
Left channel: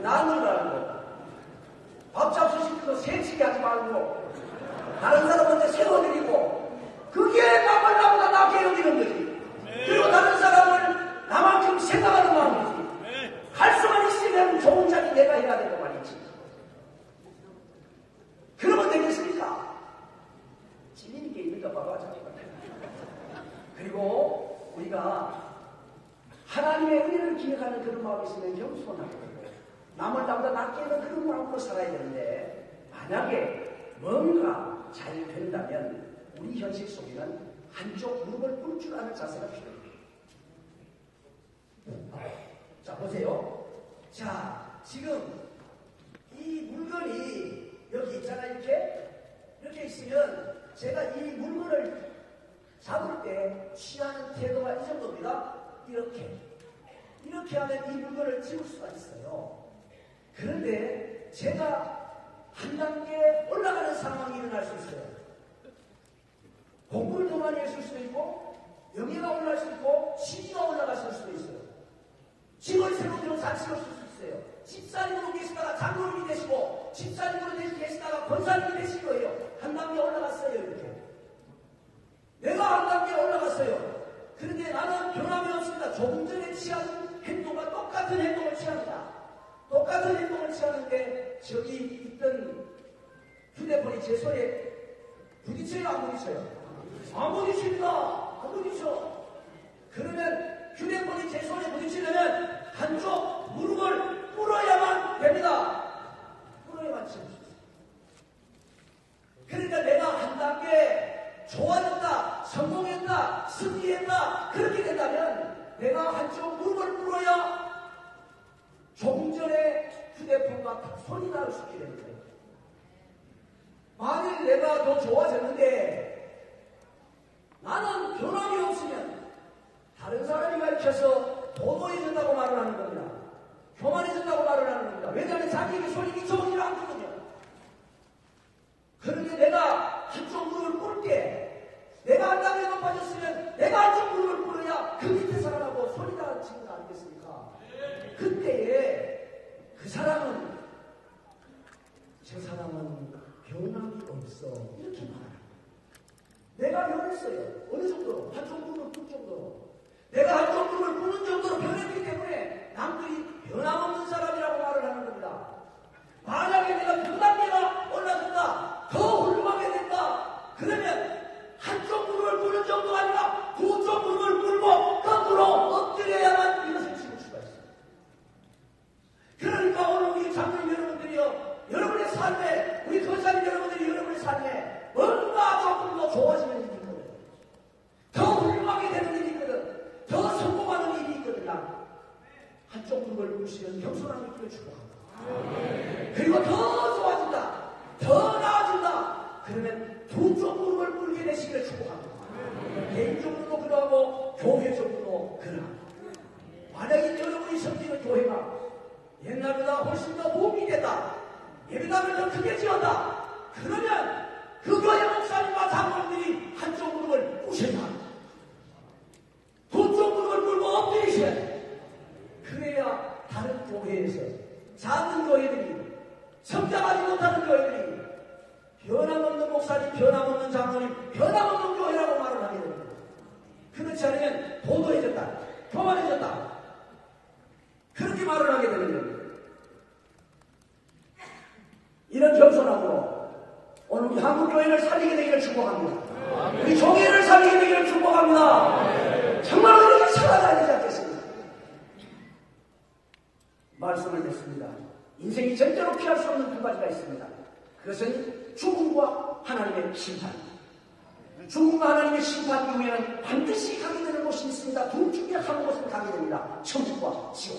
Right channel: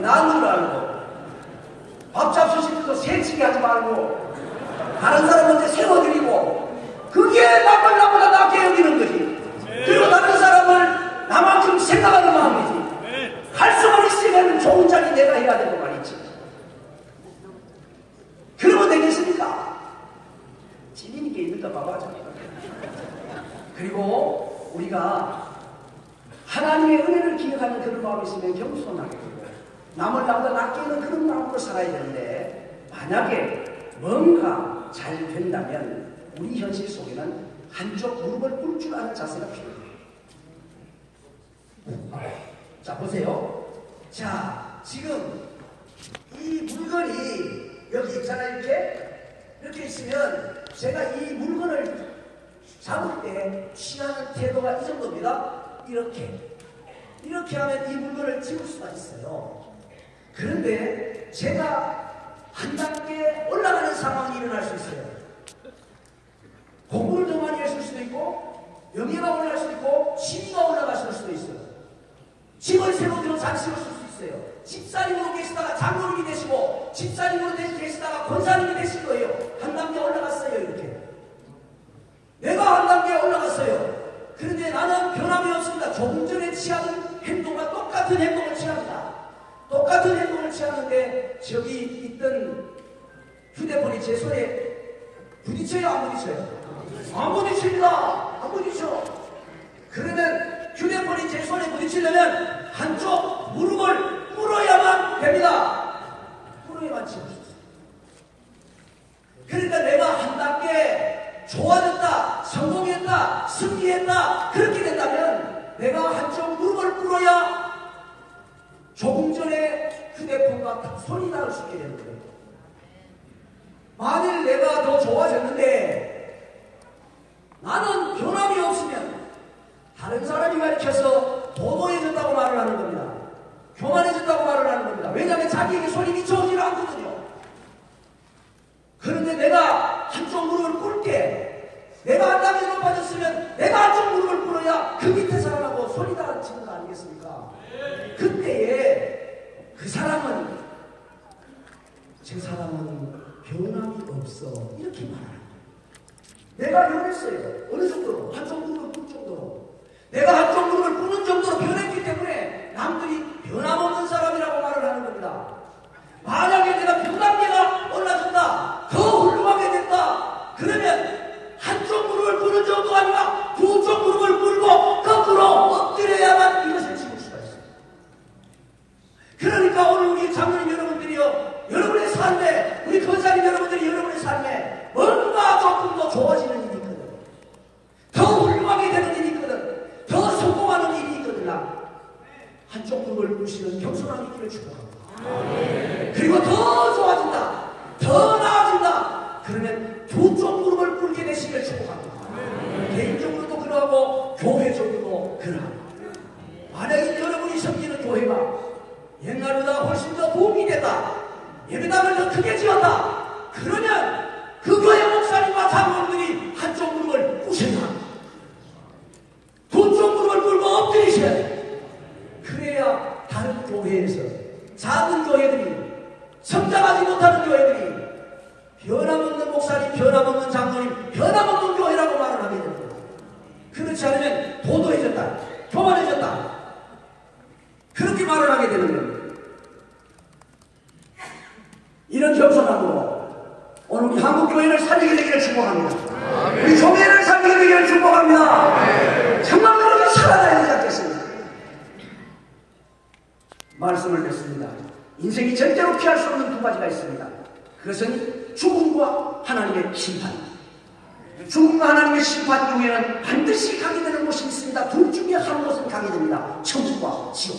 나는 걸 알고, 밥 잡수실 때도 새치기 하지 말고, 다른 사람한테 세워드리고, 그게 남을 나보다 낫게 여기는 거지. 그리고 다른 사람을 나만큼 생각하는 마음이지. 할 수만 있으면 좋은 자리 내가 해야 되고 말이지. 그러면 되겠습니까? 찔리는 게 있는가 봐봐. 그리고 우리가 하나님의 은혜를 기억하는 그런 마음이 있으면 겸손하게 되고, 남을 나보다 낫게 하는 그런 마음으로 살아야 되는데, 만약에 뭔가 잘 된다면 우리 현실 속에는 한쪽 무릎을 꿇을 줄 아는 자세가 필요해요. 자, 보세요. 자, 지금 이 물건이 여기 있잖아요. 이렇게 있으면 제가 이 물건을 잡을 때 취하는 태도가 이 정도입니다. 이렇게 하면 이 물건을 집을 수가 있어요. 그런데 제가 한 단계 올라가는 상황이 일어날 수 있어요. 공부를 더 많이 했을 수도 있고, 영예가 올라갈 수도 있고, 지위가 올라갔을 수도 있어요. 집을 세우기로 잘 세웠을 수 있어요. 집사님으로 계시다가 장로님이 되시고, 집사님으로 계시다가 권사님이 되실 거예요. 한 단계 올라갔어요. 이렇게 내가 한 단계 올라갔어요. 그런데 나는 변함이 없습니다. 조금 전에 취하는 행동과 똑같은 행동을 취합니다. 똑같은 행동을 취하는데 저기 있던 휴대폰이 제 손에 부딪혀요? 안 부딪혀요? 안 부딪힙니다. 안 부딪혀. 그러면 휴대폰이 제 손에 부딪히려면 한쪽 무릎을 꿇어야만 됩니다. 꿇어야만 치울 수 있어요. 그러니까 내가 한 단계 좋아졌다, 성공했다, 승리했다, 그렇게 된다면 내가 한쪽 무릎을 꿇어야 조금 전에 휴대폰과 손이 닿을 수 있게 되는 거예요. 만일 내가 더 좋아졌는데 나는 변함이 없으면 다른 사람이 가르쳐서 도도해졌다고 말을 하는 겁니다. 교만해졌다고 말을 하는 겁니다. 왜냐하면 자기에게 손이 미쳐오질 않거든요. 그런데 내가 한쪽 무릎을 꿇을 때, 내가 한 단계 높아졌으면 내가 한쪽 무릎을 꿇어야 그 밑에 사람하고 손이 닿는 거 아니겠습니까? 그때에 그 사람은, 제 사람은 변함이 없어, 이렇게 말합니다. 내가 변했어요. 어느 정도로? 한쪽 무릎을 꿇을 정도로. 내가 한쪽 무릎을 꿇는 정도로 변했기 때문에 남들이 변함없는 사람이라고 말을 하는 겁니다. 만약에 내가 변단계가 올라졌다, 더 훌륭하게 됐다, 그러면 한쪽 무릎을 꿇는 정도가 아니라 두 쪽 무릎을 꿇고 거꾸로 엎드려야만 이것을 지을 수가 있어요. 그러니까 오늘 우리 장로님 여러분들이요, 여러분의 삶에, 우리 권사님 여러분들이 여러분의 삶에 뭔가 조금 더 좋아지는 일이 있거든. 더 훌륭하게 되는 일이 있거든. 더 성공하는 일이 있거든. 한쪽 무릎을 꿇으시는 겸손함이 있기를 축복합니다. 그리고 더 좋아진다, 더 나아진다, 그러면 두 쪽 무릎을 꿇게 되시기를 축복합니다. 개인적으로도 그러하고 교회적으로도 그러합니다. 만약에 여러분이 섬기는 교회가 옛날보다 훨씬 더 도움이 된다, 예배당을 더 크게 지었다, 그러면 그 교회 목사님과 장로님들이 한쪽 무릎을 꿇으셔야 합니다. 두 쪽 무릎을 꿇고 엎드리셔야 돼요. 그래야 다른 교회에서, 작은 교회들이, 성장하지 못하는 교회들이 변함없는 목사님, 변함없는 장로님, 변함없는 교회라고 말을 하게 됩니다. 그렇지 않으면 도도해졌다, 교만해졌다, 그렇게 말을 하게 되는 겁니다. 이런 겸손함으로 오늘 우리 한국교회를 살리게 되기를 축복합니다. 우리 교회를 살리게 되기를 축복합니다. 정말 우리가 살아가야 되지 않겠습니까? 말씀을 냈습니다. 인생이 절대로 피할 수 없는 두 가지가 있습니다. 그것은 죽음과 하나님의 심판입니다. 죽음과 하나님의 심판 중에는 반드시 가게 되는 곳이 있습니다. 둘 중에 한 곳은 가게 됩니다. 천국과 지옥.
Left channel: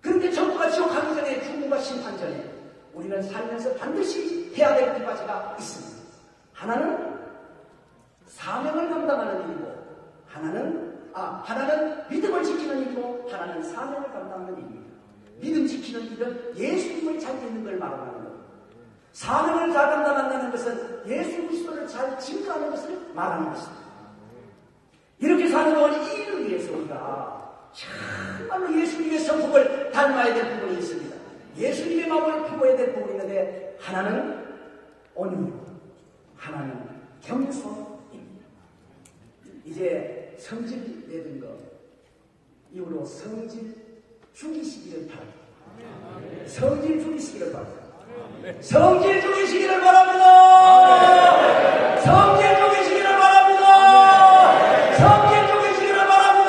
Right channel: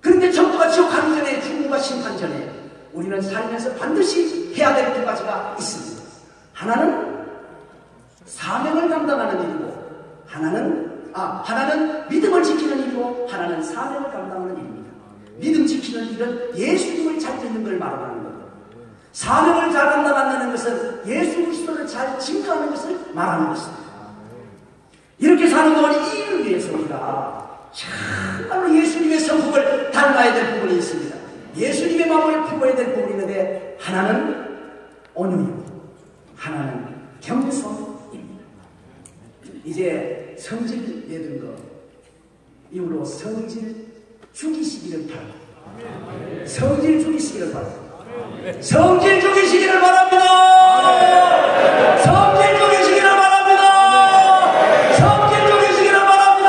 그런데 천국과 지옥 가는 전에, 죽음과 심판 전에 우리는 살면서 반드시 해야 될 두 가지가 있습니다. 하나는 사명을 감당하는 일이고, 하나는 믿음을 지키는 일이고, 하나는 사명을 감당하는 일입니다. 믿음 지키는 일은 예수님을 잘 믿는 걸 말하는 거예요. 사명을 잘 감당한다는 것은 예수 그리스도를 잘 증거하는 것을 말하는 것입니다. 이렇게 사는 동안 이를 위해서 우리가 정말로 예수님의 성품을 닮아야 될 부분이 있습니다. 예수님의 마음을 품어야 될 부분이 있는데 하나는 온유이고 하나는 겸손입니다. 이제 성질 내던 거 이후로 성질 죽이시기를 바랍니다. 성질 죽이시기를 바랍니다. 성질 죽이시기를 바랍니다. 성질 죽이시기를 바랍니다. 성질 죽이시기를 바랍니다.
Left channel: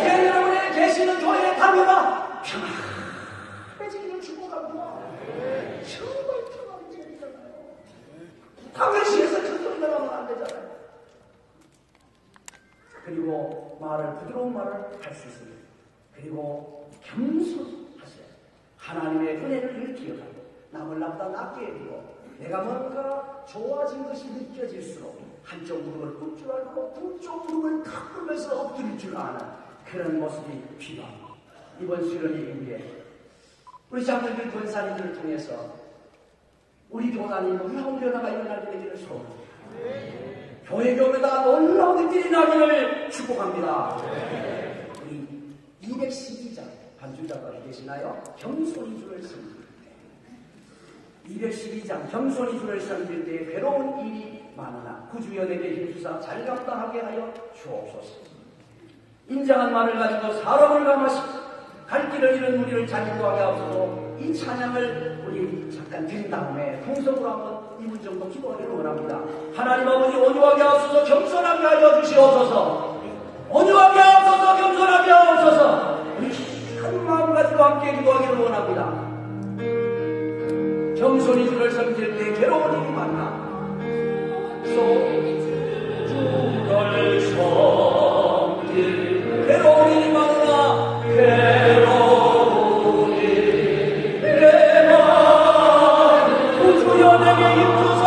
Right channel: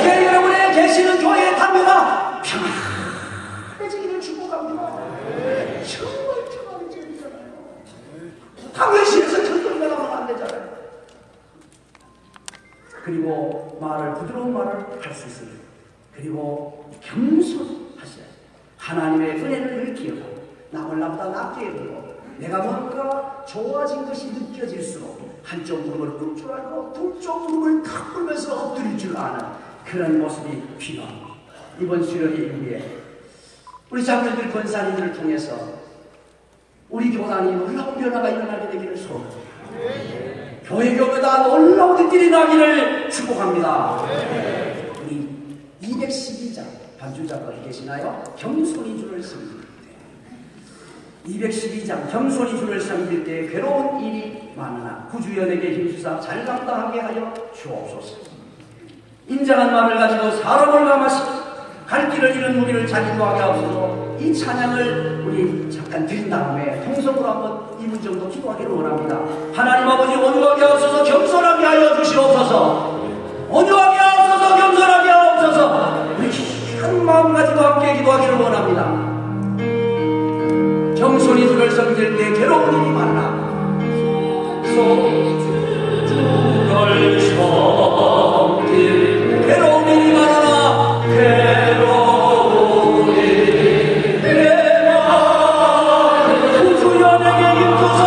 이제 여러분의 계시는 교회의 담요가 평안해지기를 축복합니다. 정말 평안해지잖아요. 담요실에서 정도리가 나면 안 되잖아요. 그리고 부드러운 말을 할 수 있습니다. 그리고 겸손하셔야 하나님의 은혜를 기억하고 남을 남다 낮게 여기고 내가 뭔가 좋아진 것이 느껴질수록 한쪽 무릎을 꿇을 줄 알고 둘쪽 무릎을 탁 꿇으면서 엎드릴 줄 아는 그런 모습이 필요합니다. 이번 수련회 이후에 우리 장로들 권사님들을 통해서 우리 교단이 놀라운 변화가 일어나게 되기를 소원합니다. 교회 교회다 놀라운 일들이 나기를 축복합니다. 우리 212장 반주자가 계시나요? 겸손히 주를 섬길 때 212장 겸손히 주를 섬길 때 괴로운 일이 많으나 구주연에게 힘주사 잘 감당하게 하여 주옵소서. 인정한 마음을 가지고 사람을 감화시키고 갈 길을 잃은 우리를 잘 인도하게 하옵소서. 이 찬양을 우리 잠깐 드린 다음에 통성으로 한번 2분 정도 기도하기를 원합니다. 하나님 아버지 온유하게 하옵소서. 겸손하게 하여 주시옵소서. 온유하게 하옵소서. 겸손하게 하옵소서. 우리 한 마음 가지고 함께 기도하기를 원합니다. 겸손히 주를 섬길 때 괴로운 일이 많아 주를 섬길 괴로운 일이 많아 괴로운 일이 내가 구주연에게 힘주사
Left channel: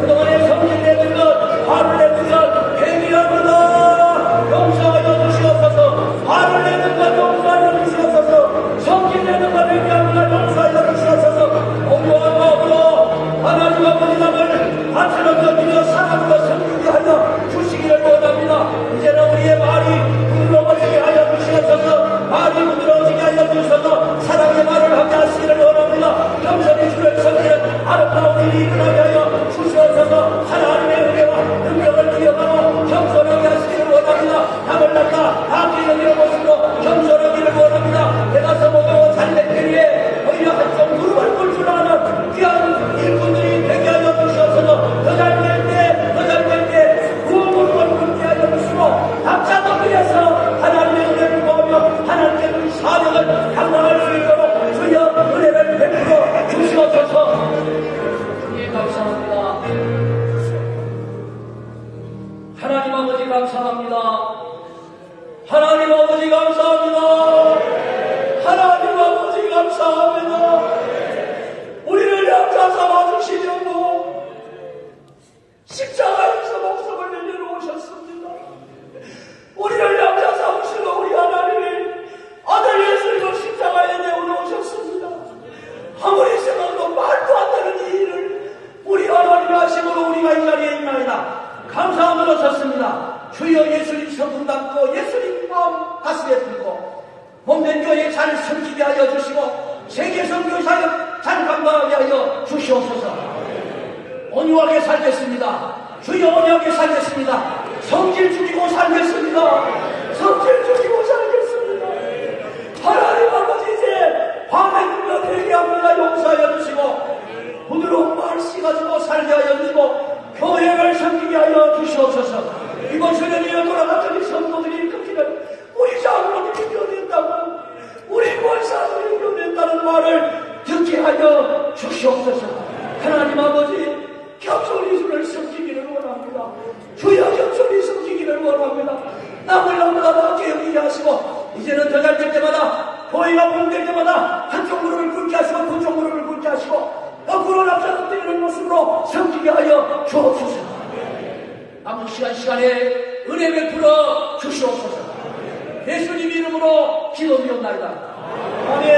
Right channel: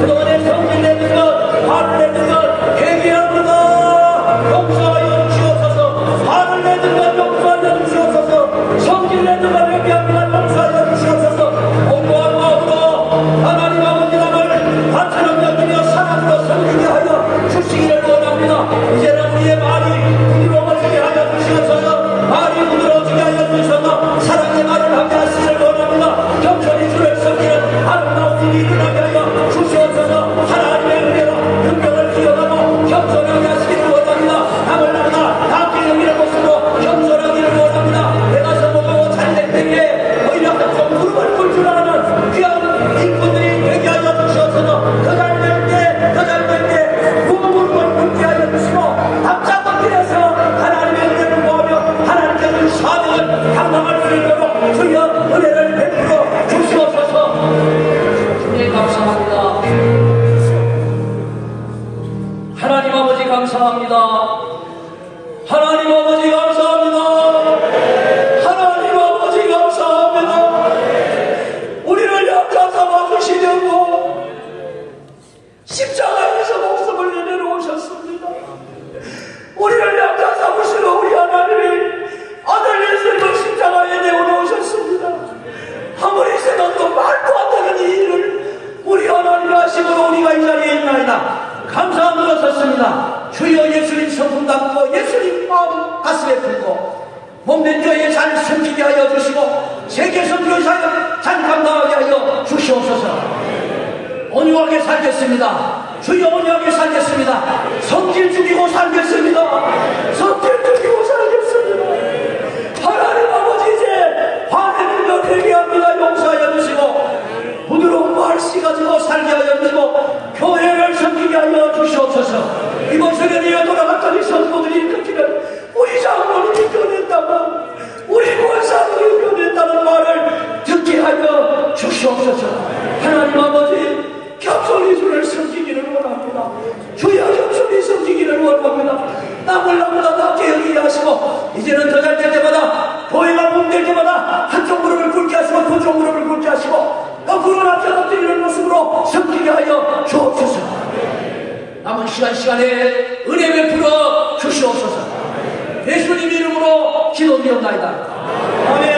그동안에 성질 내는 것, 화를 내는 것, 회개합니다. 용서하여 세계 선교 사역 잘 감당하게 하여 주시옵소서. 온유하게 살겠습니다. 주여 온유하게 살겠습니다. 성질 죽이고 살겠습니다. 성질 죽이고 살겠습니다. 하나님 아버지 이제 화내는 것 회개합니다. 용서하여 주시고 부드러운 말씨 가지고 살게 하여 주시고 교회를 섬기게 하여 주시옵소서. 이번 세련이에 돌아갔더니 성도들이 듣기는 우리 장로님이 변했다고 우리 권사들이 변했다는 말을 듣게 하여 주시옵소서. 하나님 아버지 겸손히 주를 섬기기를 원합니다. 주여 겸손히 섬기기를 원합니다. 남을 남보다 낫게 여기게 하시고 이제는 더 잘 될 때마다 교회가 붕될 때마다 한쪽 무릎을 꿇게 하시고 두쪽 무릎을 꿇게 하시고 거꾸로 남자 엎드리는 모습으로 섬기게 하여 주옵소서. 남은 시간에 은혜 베풀어 주시옵소서. 예수님 이름으로 기도드리옵나이다. 아멘.